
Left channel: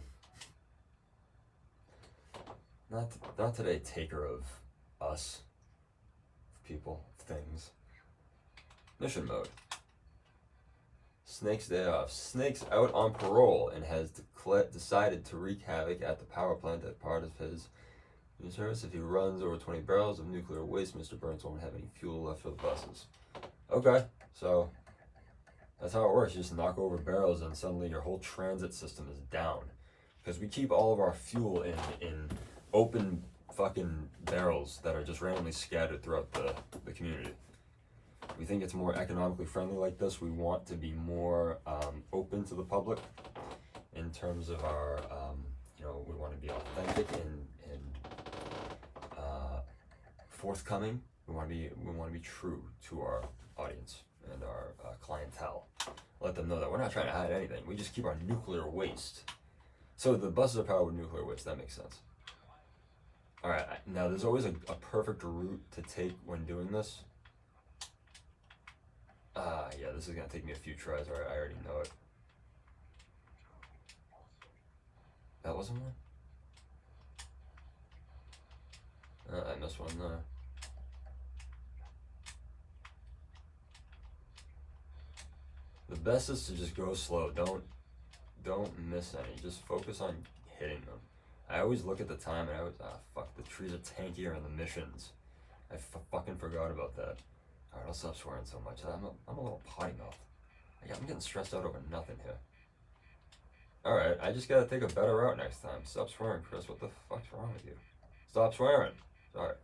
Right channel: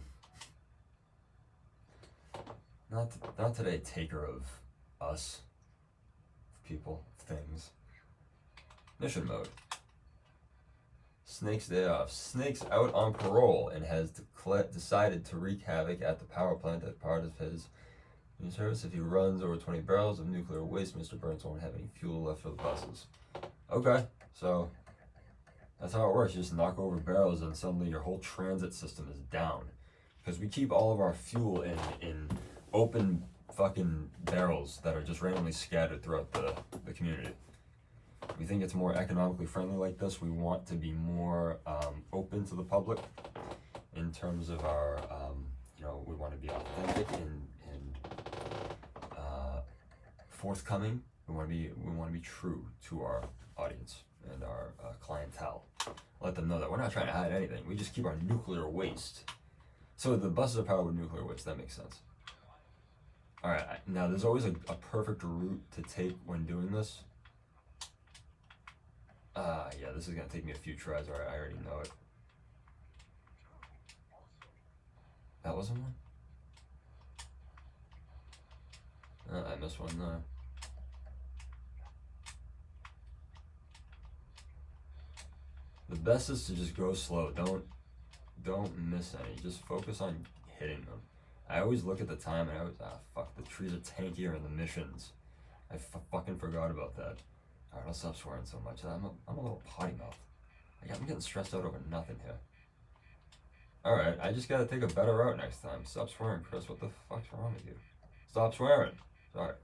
Not today, taker of us, of people, of things. Mission mode. Snake's day off. Snake's out on parole and has decided to wreak havoc at the power plant as part of his new service. If he runs over 20 barrels of nuclear waste, Mr. Burns won't have any fuel left for the buses. Okay, so that's how it works. You just knock over barrels and suddenly your whole transit system is down. Because we keep all of our fuel in open fucking barrels that are just randomly scattered throughout the community. We think it's more economically friendly like this. We want to be more open to the public in terms of our, we want to be authentic and forthcoming. We want to be true to our audience and our clientele. Let them know that we're not trying to hide anything. We just keep our nuclear waste. So the buses are powered with nuclear waste. That makes sense. All right. Now there's always a perfect route to take when doing this. Yeah, this is gonna take me a few tries. All right, I already know it. That wasn't one? I missed one there. The best is to just go slow. Don't miss any. Just focus on hitting them. I always look at the time and I always, fuck, the trees are tankier in the missions. I fucking forgot about that. Alright, I'll stop swearing so much. I'm a little potty mouth. I'm getting stressed out over nothing here. Alright, I just gotta take a better route next time. Stop swearing, Chris. What the fuck's wrong with you? Stop swearing. Sorry.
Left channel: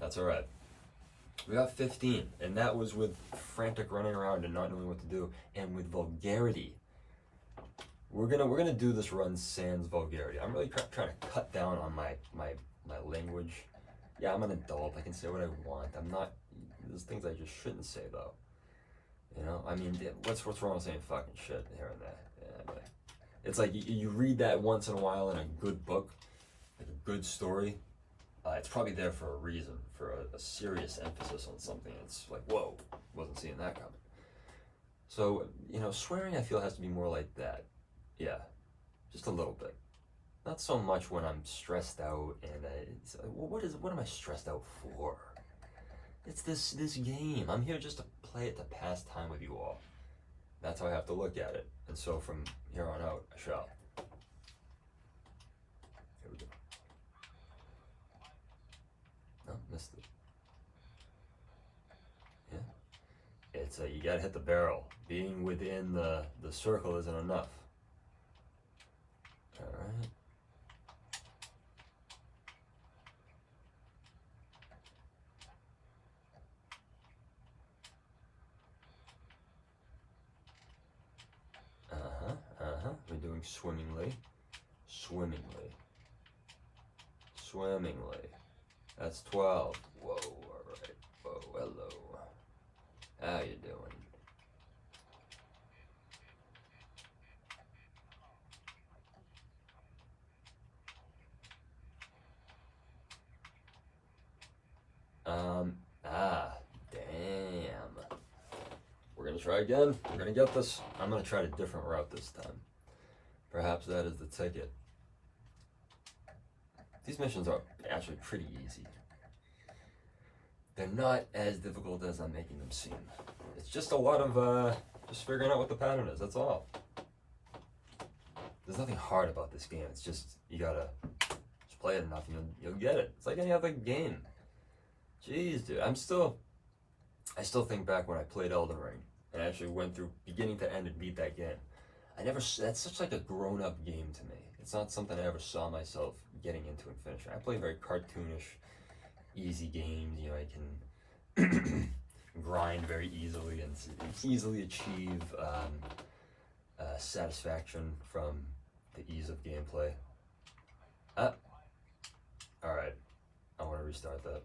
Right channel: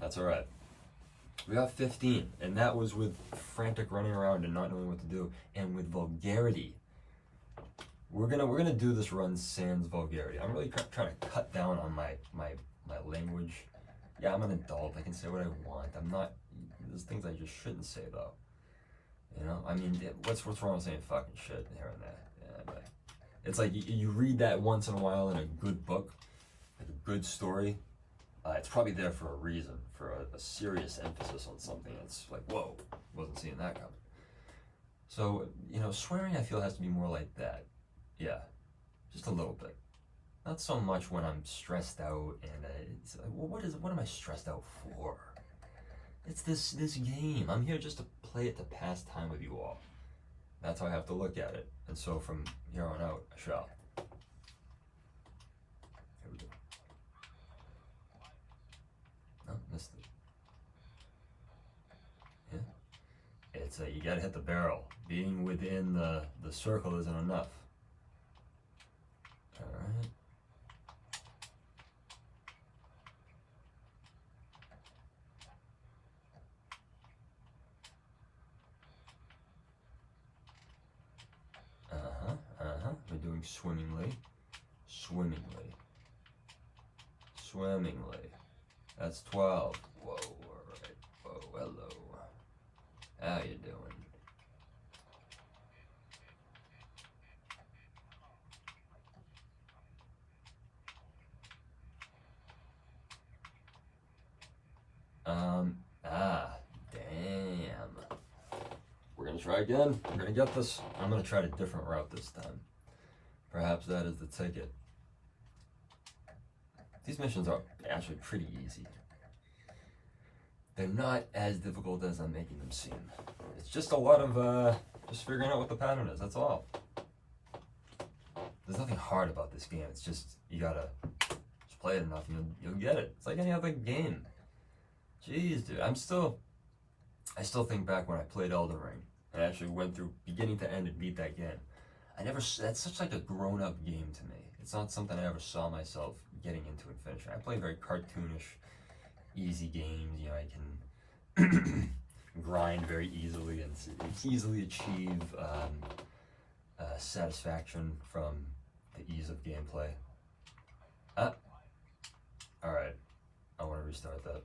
That's alright. We got 15, and that was with frantic running around and not knowing what to do, and with vulgarity. We're gonna do this run sans vulgarity. I'm really trying to cut down on my language. Yeah, I'm an adult. I can say what I want. I'm not there's things I just shouldn't say though. You know, I mean, what's wrong with saying fucking shit here and there? Yeah, but it's like you read that once in a while in a good book, like a good story. It's probably there for a reason, for a serious emphasis on something. It's like, whoa, wasn't seeing that coming. So, you know, swearing I feel has to be more like that. Yeah, just a little bit. Not so much when I'm stressed out and it's, well, what am I stressed out for? It's this game. I'm here just to play it to pass time with you all. That's how I have to look at it. And so from here on out, I shall. Here we go. No, missed it. Yeah. It's you gotta hit the barrel. Being within the circle isn't enough. Alright. We're doing swimmingly. Swimmingly. Swimmingly. That's 12. Whoa, alright. Whoa, hello. How you doing? Damn. We're gonna try again. We're gonna get this. I'm gonna try a different route this time. Perhaps that is the ticket. These missions are actually pretty easy. They're not as difficult as I'm making them seem. It's just a lot of just figuring out what the pattern is, that's all. There's nothing hard about this game. It's just, you gotta just play it enough and you'll get it. It's like any other game. Jeez, dude, I still think back when I played Elden Ring and I actually went through beginning to end and beat that game. That's such like a grown-up game to me. It's not something I ever saw myself getting into and finishing. I play very cartoonish, easy games. You know, I can grind very easily and easily achieve satisfaction from the ease of gameplay. Alright, I want to restart that.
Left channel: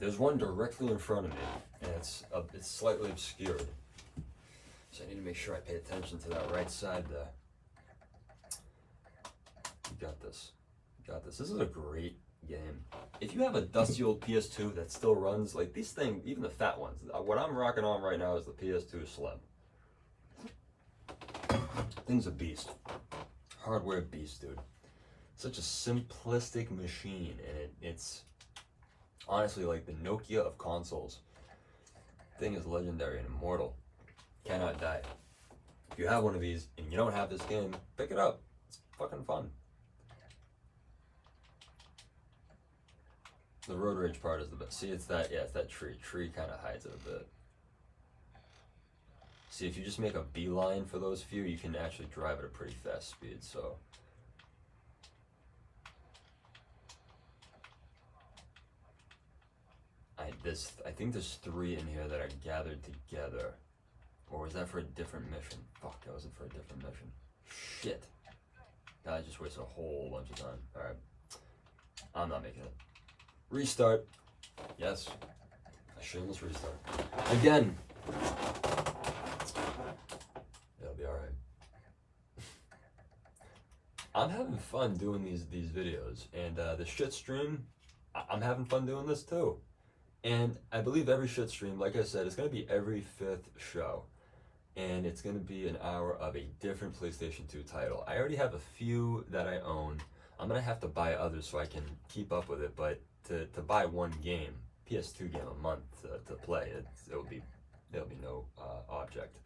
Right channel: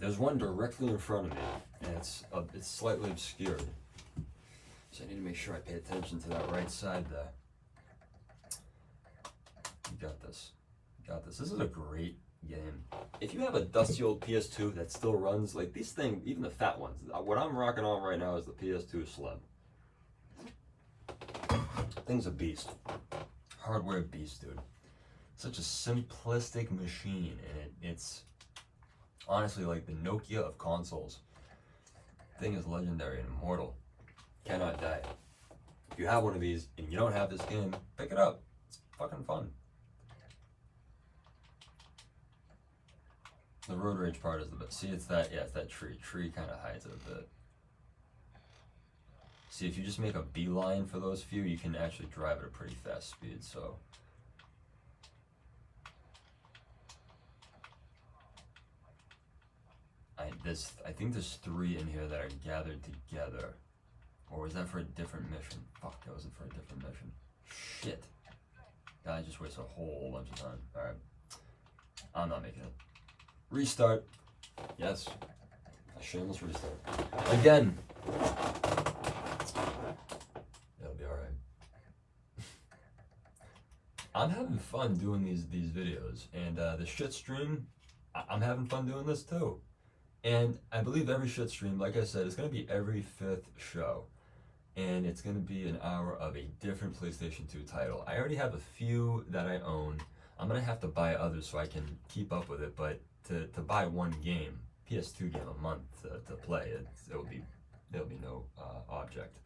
There's one directly in front of me, and it's slightly obscured. So I need to make sure I pay attention to that right side there. You got this. You got this. This is a great game. If you have a dusty old PS2 that still runs, like these things, even the fat ones, what I'm rocking on right now is the PS2 Slim. Thing's a beast. Hardware beast, dude. Such a simplistic machine, and it's honestly like the Nokia of consoles. Thing is legendary and immortal. Cannot die. If you have one of these and you don't have this game, pick it up. It's fucking fun. The road rage part is the best. See, it's that tree. Tree kind of hides it a bit. See, if you just make a beeline for those few, you can actually drive at a pretty fast speed, so. I think there's 3 in here that are gathered together. Or was that for a different mission? Fuck, that wasn't for a different mission. Shit. I just wasted a whole bunch of time. Alright. I'm not making it. Restart. Yes. A shameless restart. Again. It'll be alright. I'm having fun doing these videos. And the shit stream, I'm having fun doing this too. And I believe every shit stream, like I said, is going to be every 5th show. And it's going to be an hour of a different PlayStation 2 title. I already have a few that I own. I'm going to have to buy others so I can keep up with it. But to buy one game, PS2 game a month to play, there'll be no object.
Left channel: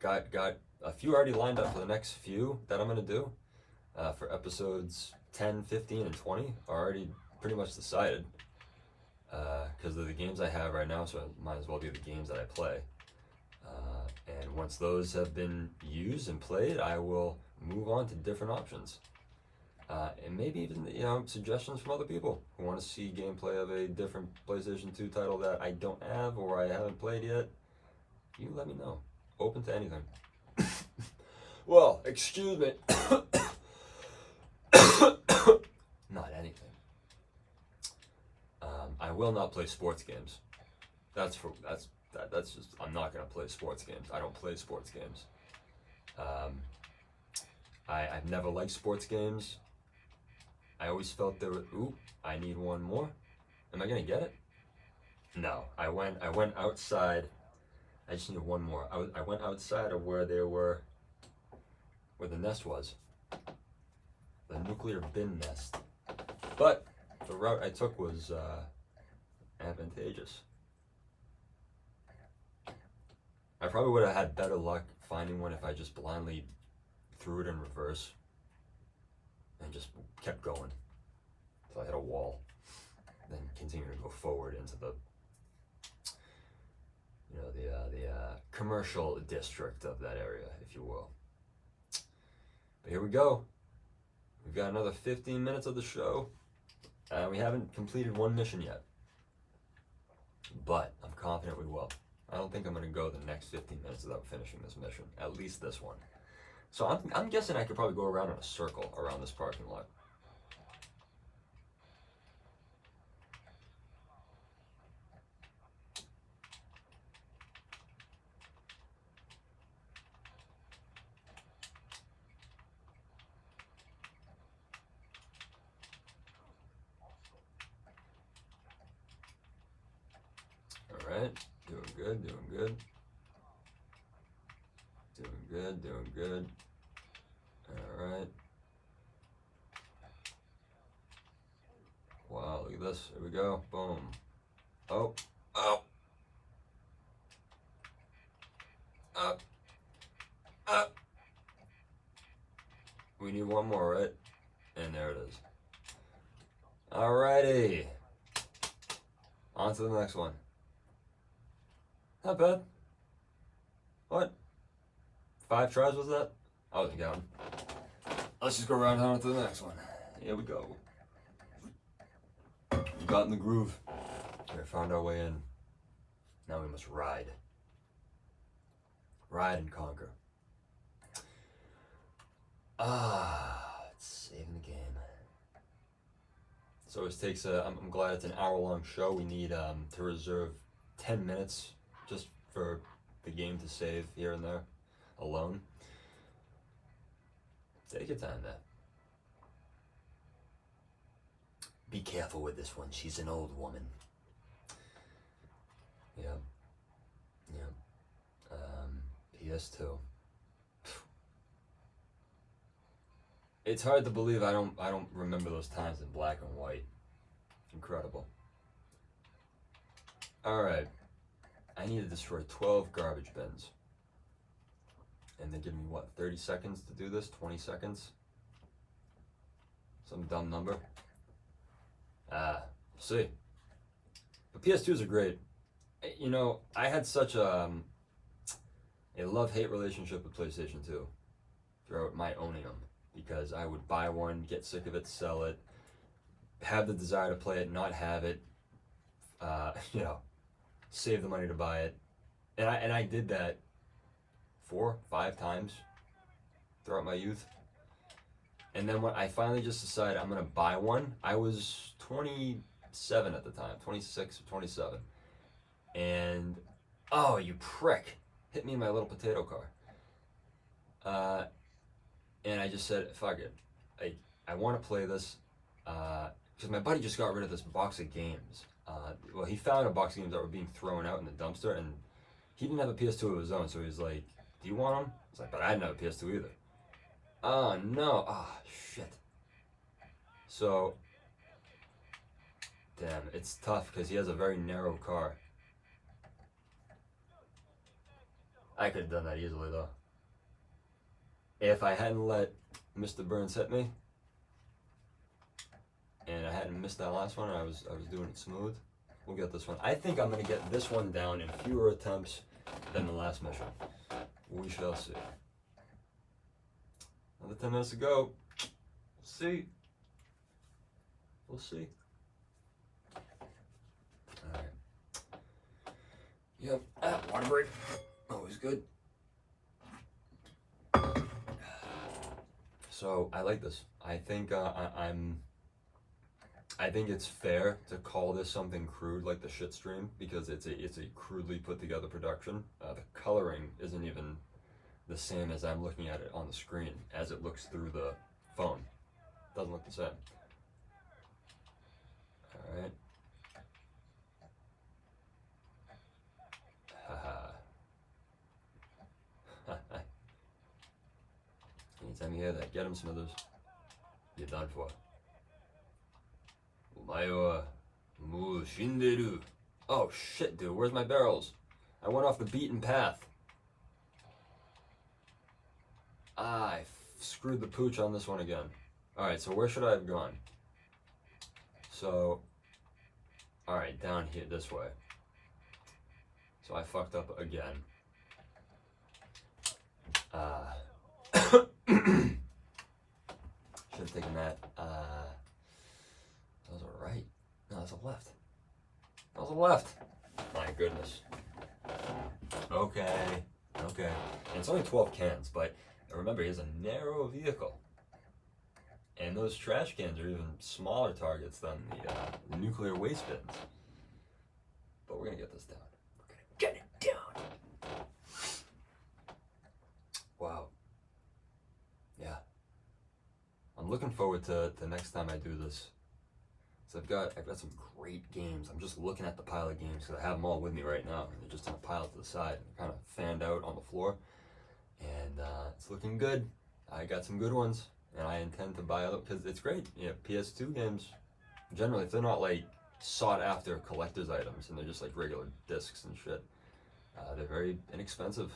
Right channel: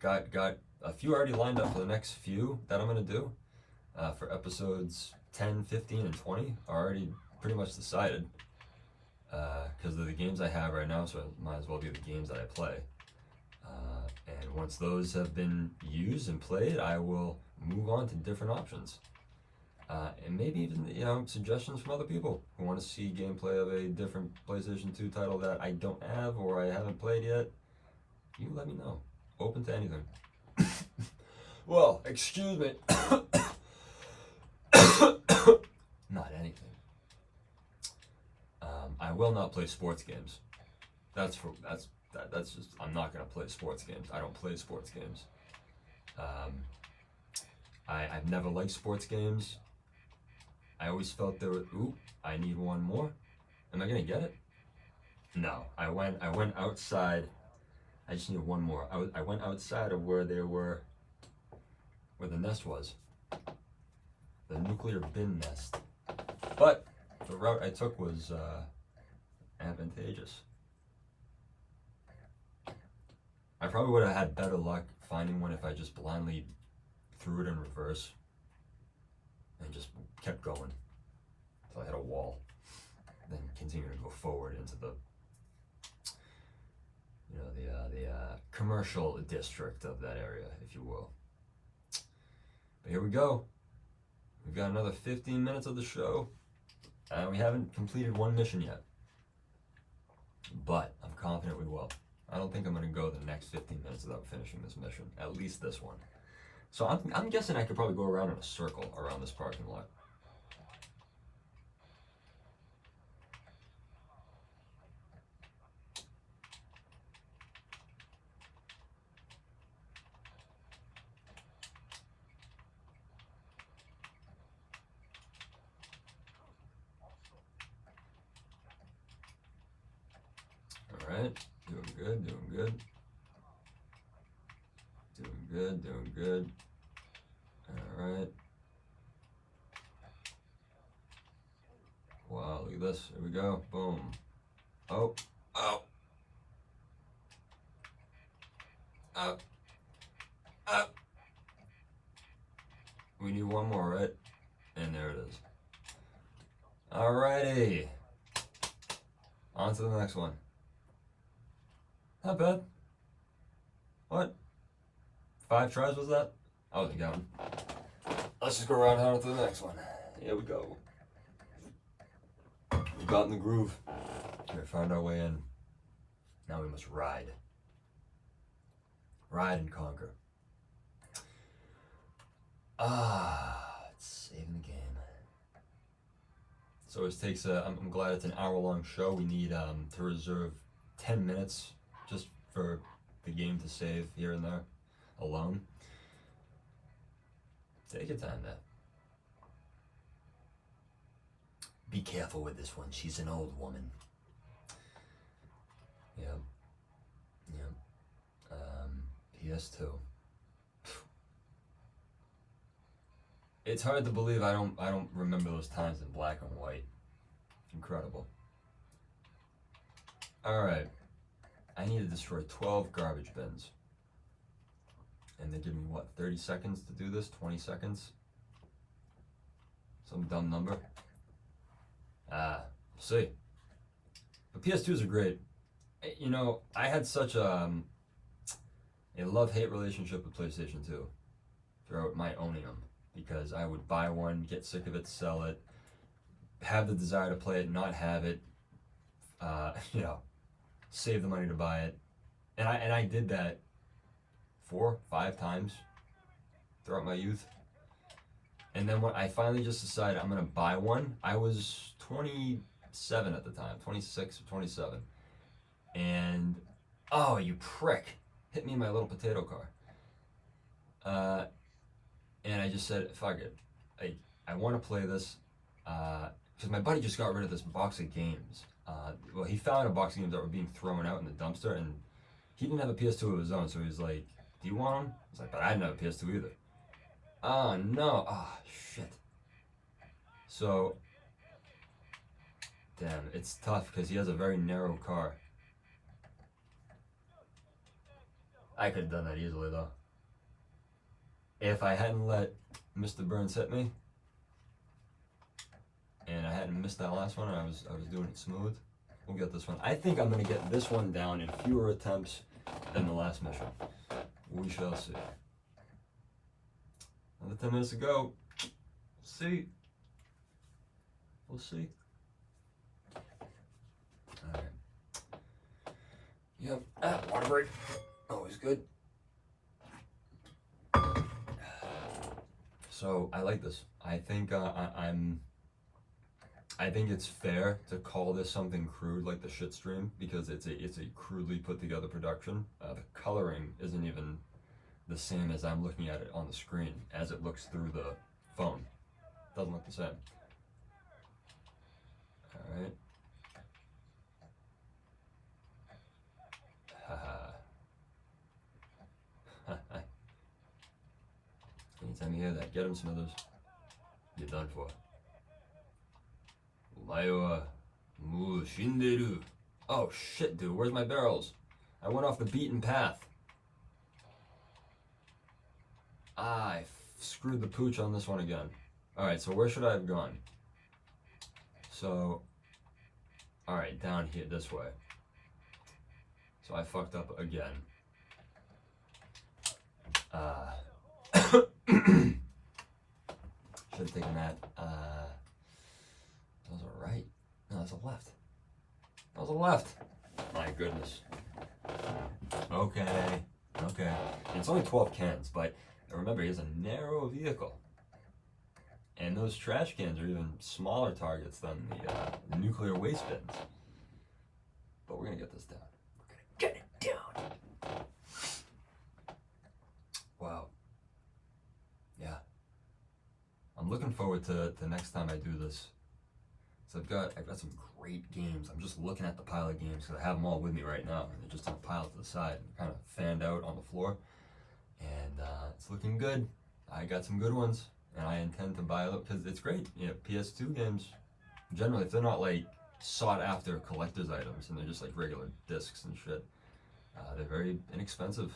Got a few already lined up for the next few that I'm going to do. For episodes 10, 15, and 20 are already pretty much decided. Because of the games I have right now, so it might as well be the games that I play. And once those have been used and played, I will move on to different options. And maybe even, suggestions from other people who want to see gameplay of a different PlayStation 2 title that I don't have or I haven't played yet. You let me know. Open to anything. Well, excuse me. Not anything. will not play sports games. That's just, I'm not gonna play sports games. I don't play sports games. I've never liked sports games. I always felt there were, ooh, I need one more. Am I gonna get it? No, I went outside. I just need one more. I went outside of where the nest was. The nuclear bin nest. But the route I took was advantageous. I probably would have had better luck finding one if I just blindly threw it in reverse and just kept going until I hit a wall. Then continue to go forward into the commercial district of that area, if you will. But here we go. We've got another 15 minutes of the show. We haven't completed one mission yet, but I'm confident we will. I don't think I'm going to go the next 15 minutes without finishing this mission, at least this one. So I'm guessing I could probably go around in a circle around this parking lot. Alright, doing good, doing good. Doing good, doing good. Alright. Wow, look at this. Here we go. Boom. Oh. Oh. Up. Up. We need one more, right? And there it is. Alrighty. On to the next one. Not bad. What? 5 tries was that? I wasn't counting. Let's just go around on to the next one. Here we go. We got in the groove. We found our way in. Now we must ride. Ride and conquer. It's saving the game. So it takes I'm glad it's an hour-long show. We need to reserve 10 minutes just for the game to save here and there alone. Take your time there. Be careful with this one. She's an old woman. Yeah. Yeah. PS2. It's hard to believe I don't remember those times in black and white. Incredible. Alright. I need to destroy 12 garbage bins. And they give me, what, 30 seconds to do this? 20 seconds? Some dumb number? We'll see. But PS2s are great. You know, I had such a love-hate relationship with PlayStation 2 throughout my owning them. Because I would buy one, get sick of it, sell it, have the desire to play it, not have it, save the money to buy it. And I did that 4, 5 times throughout my youth. And then when I finally just decided I'm gonna buy one, I was 27 at the time, 26 or 27. And, oh, you prick, hit me in my little potato car. And I just said, fuck it. I want to play this, because my buddy just got rid of this box of games. Well, he found a box of games that were being thrown out in the dumpster, and he didn't have a PS2 of his own, so he was like, do you want them? I was like, but I didn't have a PS2 either. Oh, no. Oh, shit. So, damn, it's tough, because he has a very narrow car. I could have done that easily, though. If I hadn't let Mr. Burns hit me, and I hadn't missed that last one, and I was doing it smooth, we'll get this one. I think I'm going to get this one down in fewer attempts than the last mission. We shall see. Another 10 minutes to go. We'll see. We'll see. Alright. Yep, water break. Always good. So I like this. I think I'm I think it's fair to call this something crude like the shit stream because it's a crudely put together production. The coloring isn't even the same as I'm looking at it on the screen as it looks through the phone. Doesn't look the same. All right. Anytime you hear that, get him, Smithers. You're done for. Oh shit, dude, where's my barrels? I went off the beaten path. I screwed the pooch on this one again. Alright, so where should I have gone? So, alright, down here, this way. So I fucked up again. Should have taken that. That was a right. No, that's a left. That was a left. My goodness. Okay. Okay. And it's only 12 cans, but remember, he has a narrow vehicle. And those trash cans are even smaller targets than the nuclear waste bins. But we're going to get this down. We're going to get it down. Wow. Yeah. I'm looking forward to the next time I do this. So I've got some great games. I'm just looking at the pile of games because I have them all with me right now. They're just in a pile to the side, kind of fanned out on the floor. And it's looking good. I got some good ones, and I intend to buy them because it's great. Yeah, PS2 games, generally, if they're not like sought after collector's items and they're just like regular discs and shit, they're very inexpensive,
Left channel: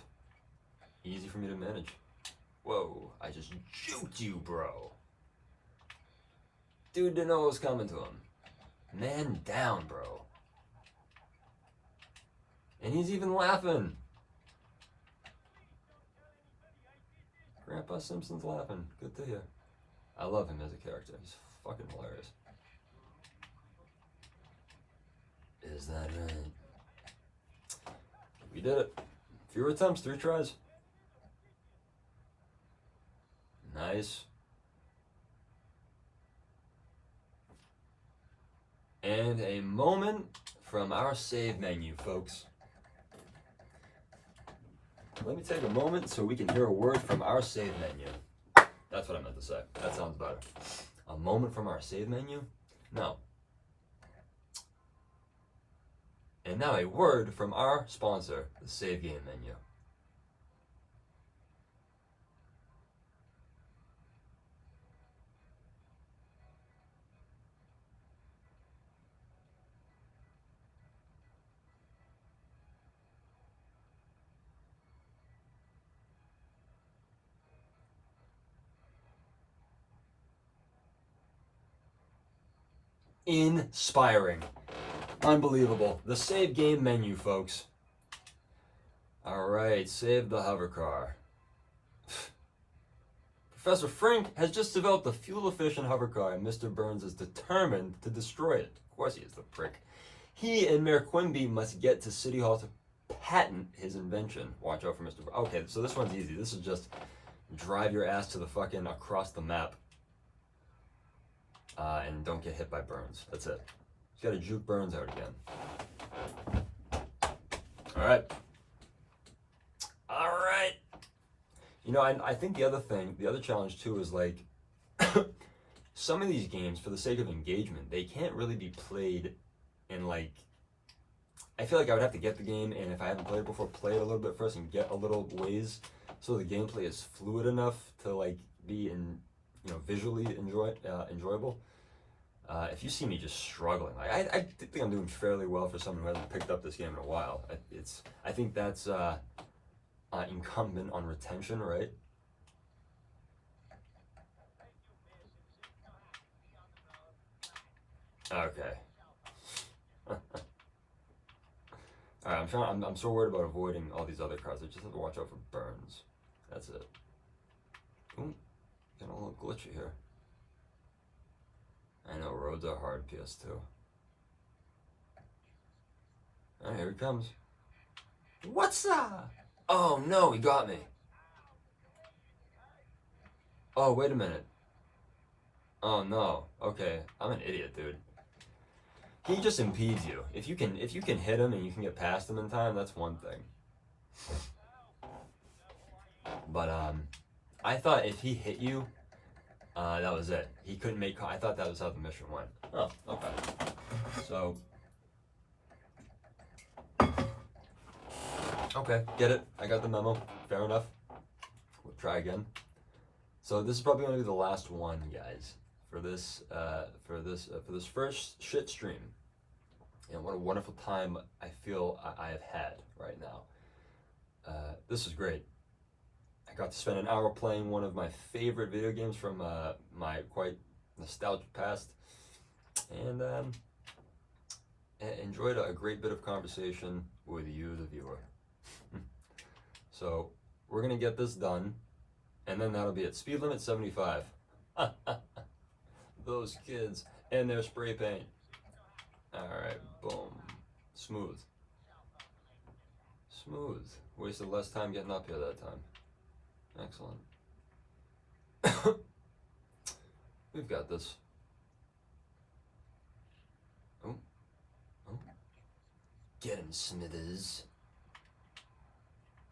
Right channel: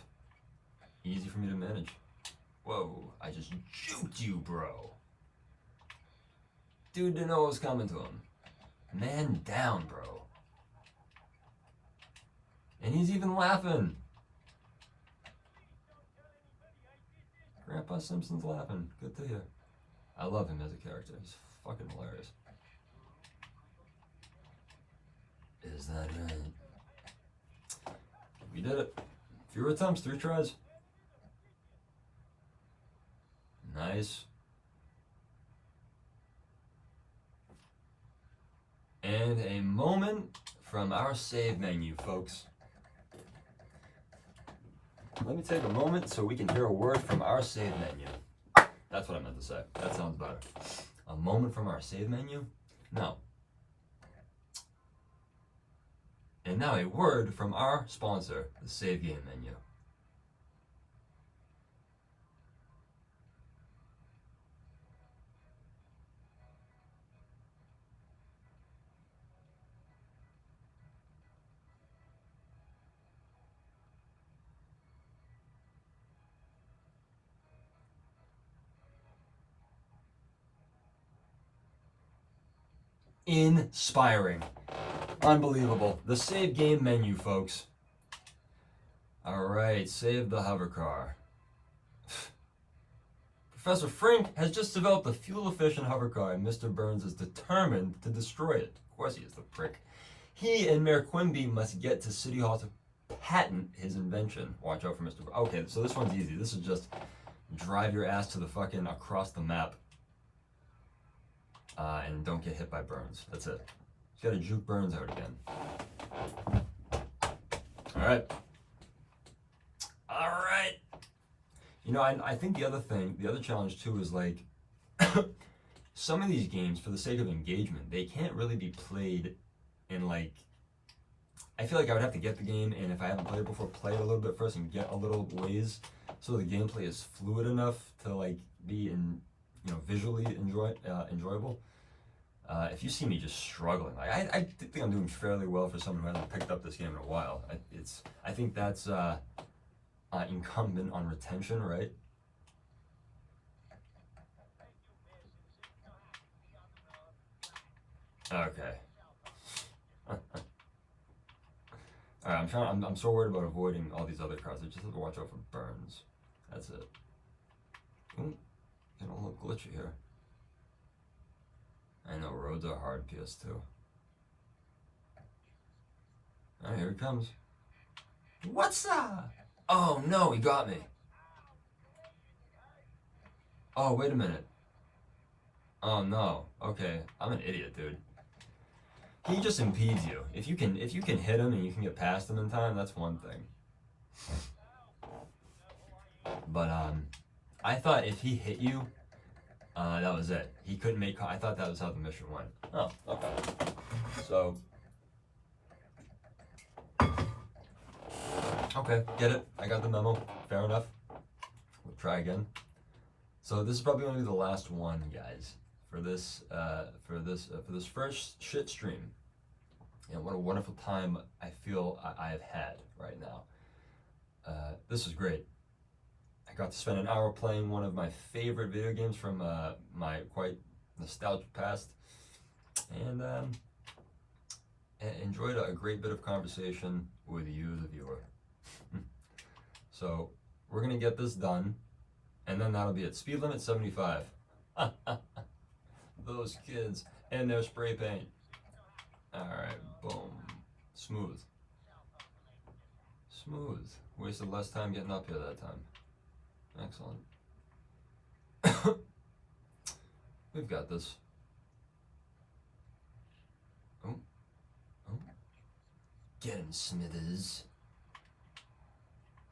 easy for me to manage. Whoa, I just juked you, bro. Dude didn't know what was coming to him. Man down, bro. And he's even laughing. Grandpa Simpson's laughing. Good to hear. I love him as a character. He's fucking hilarious. Is that right? We did it. Fewer attempts, 3 tries. Nice. And a moment from our save menu, folks. Let me take a moment so we can hear a word from our save menu. That's what I meant to say. That sounds better. A moment from our save menu? No. And now a word from our sponsor, the Save Game menu. Inspiring. Unbelievable. The Save Game menu, folks. Alright, save the hover car. Professor Frink has just developed a fuel-efficient hover car, and Mr. Burns is determined to destroy it. Of course he is, the prick. He and Mayor Quimby must get to City Hall to patent his invention. Watch out for Mr. Burns. Okay, so this one's easy. This is just drive your ass to the fucking across the map. And don't get hit by Burns. That's it. You gotta juke Burns out again. Alright. Alright. You know, I think the other challenge too is like, some of these games, for the sake of engagement, they can't really be played in like, I feel like I would have to get the game, and if I haven't played it before, play it a little bit first and get a little ways so the gameplay is fluid enough to like be visually enjoyable. If you see me just struggling, like I think I'm doing fairly well for someone who hasn't picked up this game in a while. I think that's incumbent on retention, right? Okay. Alright, I'm so worried about avoiding all these other cars. I just have to watch out for Burns. That's it. Ooh, getting a little glitchy here. I know, roads are hard, PS2. Alright, here he comes. What's up? Oh no, he got me. Oh, wait a minute. Oh no. Okay, I'm an idiot, dude. he just impedes you. If you can hit him and you can get past him in time, that's one thing. But I thought if he hit you, that was it. He couldn't make. I thought that was how the mission went. Oh, okay. So, okay, get it. I got the memo. Fair enough. We'll try again. So this is probably going to be the last one, guys, for this first shit stream. And what a wonderful time I feel I have had right now. This is great. I got to spend an hour playing one of my favorite video games from my quite nostalgic past, and enjoyed a great bit of conversation with you, the viewer. So we're gonna get this done, and then that'll be it. Speed limit 75. Those kids and their spray paint. All right, boom, smooth. Wasted less time getting up here that time. Excellent. We've got this. Oh. Get him, Smithers.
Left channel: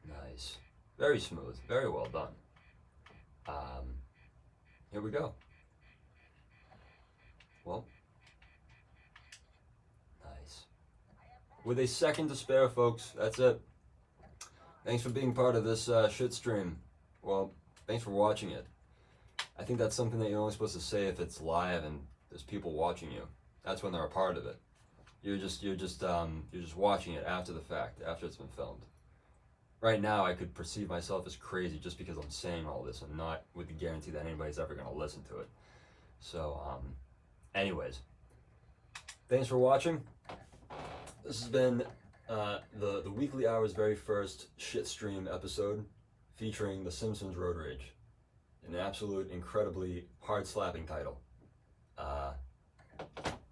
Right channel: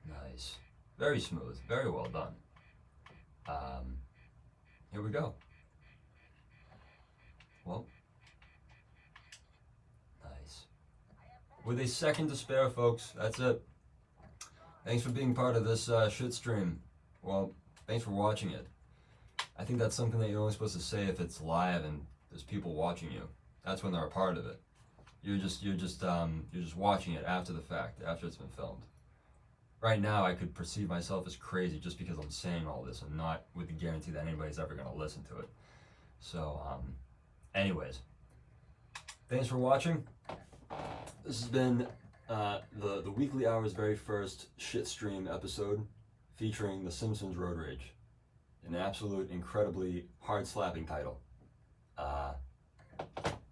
Nice. Very smooth. Very well done. Here we go. Well. Nice. With a second to spare, folks. That's it. Thanks for being part of this shit stream. Well, thanks for watching it. I think that's something that you're only supposed to say if it's live and there's people watching you. That's when they're a part of it. You're just watching it after the fact, after it's been filmed. Right now, I could perceive myself as crazy just because I'm saying all this and not with the guarantee that anybody's ever going to listen to it. So, anyways, thanks for watching. This has been the Weekly Hour's very first shit stream episode featuring the Simpsons Road Rage. An absolute, incredibly hard-slapping title.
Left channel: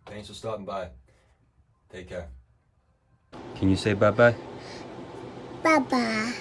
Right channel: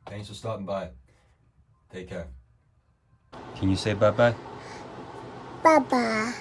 Thanks for stopping by. Take care. Can you say bye-bye? Bye-bye.